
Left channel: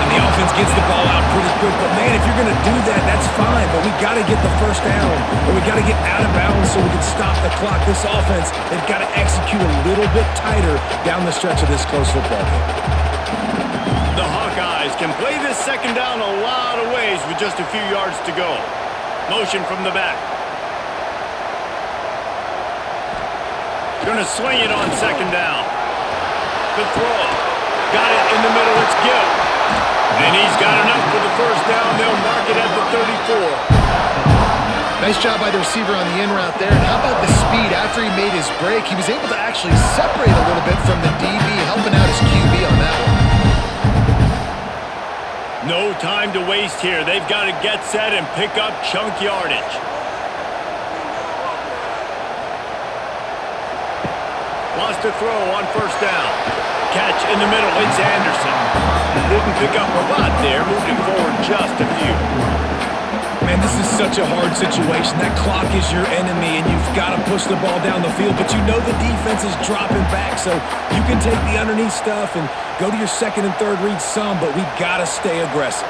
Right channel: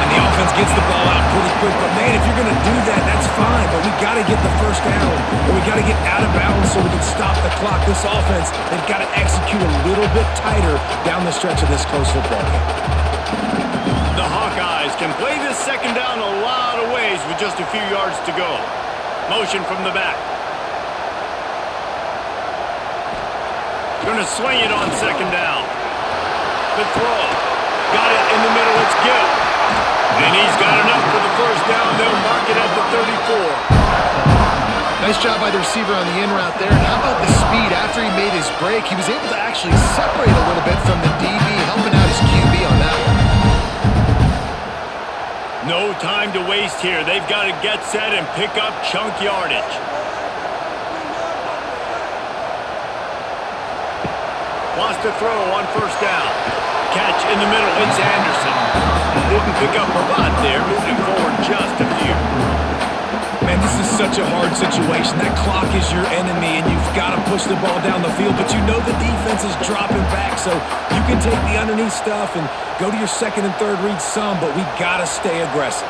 And the offense gets the ball out pretty quick. But, man, if you're going to do that, that's fine. But we got to get the 1st down, or we got to get out of bounds so we can stop the clock. This offense, they've got to execute a little bit tighter down the stretch of this close football game. The Hawkeyes can play this 2nd down a lot of ways with just a few yards to go. Motion from the back. Gonna swing it on 2nd down. The throw. Got it in the middle, it's Gill. And he's got enough for the 1st down. They'll mark it at the 34. Nice job by the receiver on the in route there. And how about the speed? After he made his break, he was able to actually separate a little bit from the DB, helping out his QB on that one. No time to waste here. They've got to get set and pick up chunk yardage. Wants to throw on 1st down. Catch in the middle. It's Anderson. Didn't pick up a lot there. Moved him forward just a few. Man, this is such a hard situation. That clock is your enemy, and you've got to push the ball down the field. But you know the defense is dropping back, so you can take the underneath stuff and go to your 2nd and 3rd read some, but we got to stay aggressive.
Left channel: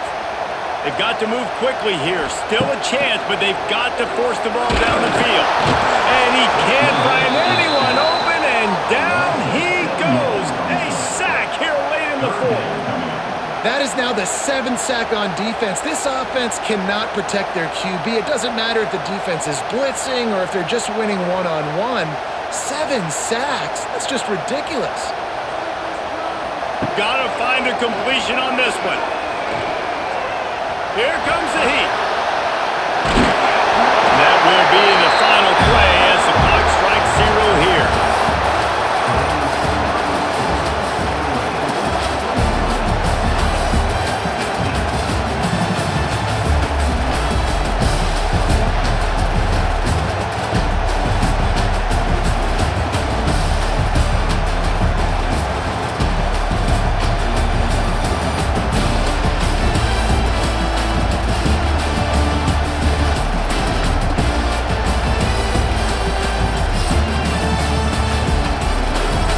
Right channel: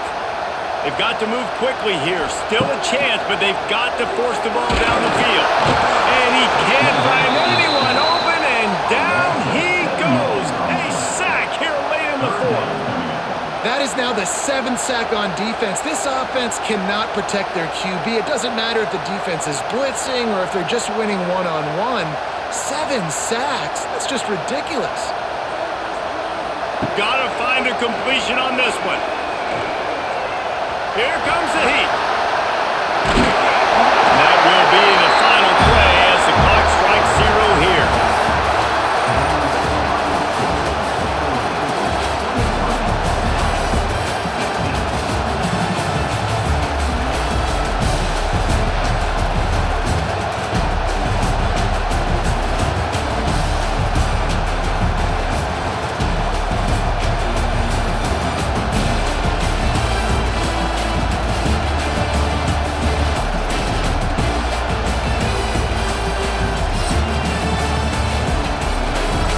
They've got to move quickly here. Still a chance, but they've got to force the ball down the field. And he can't find anyone open, and down he goes. A sack here late in the 4th. That is now the 7th sack on defense. This offense cannot protect their QB. It doesn't matter if the defense is blitzing or if they're just winning one-on-one. 7 sacks? That's just ridiculous. Gotta find a completion on this one. Here comes the heat. And that will be the final play as the clock strikes 0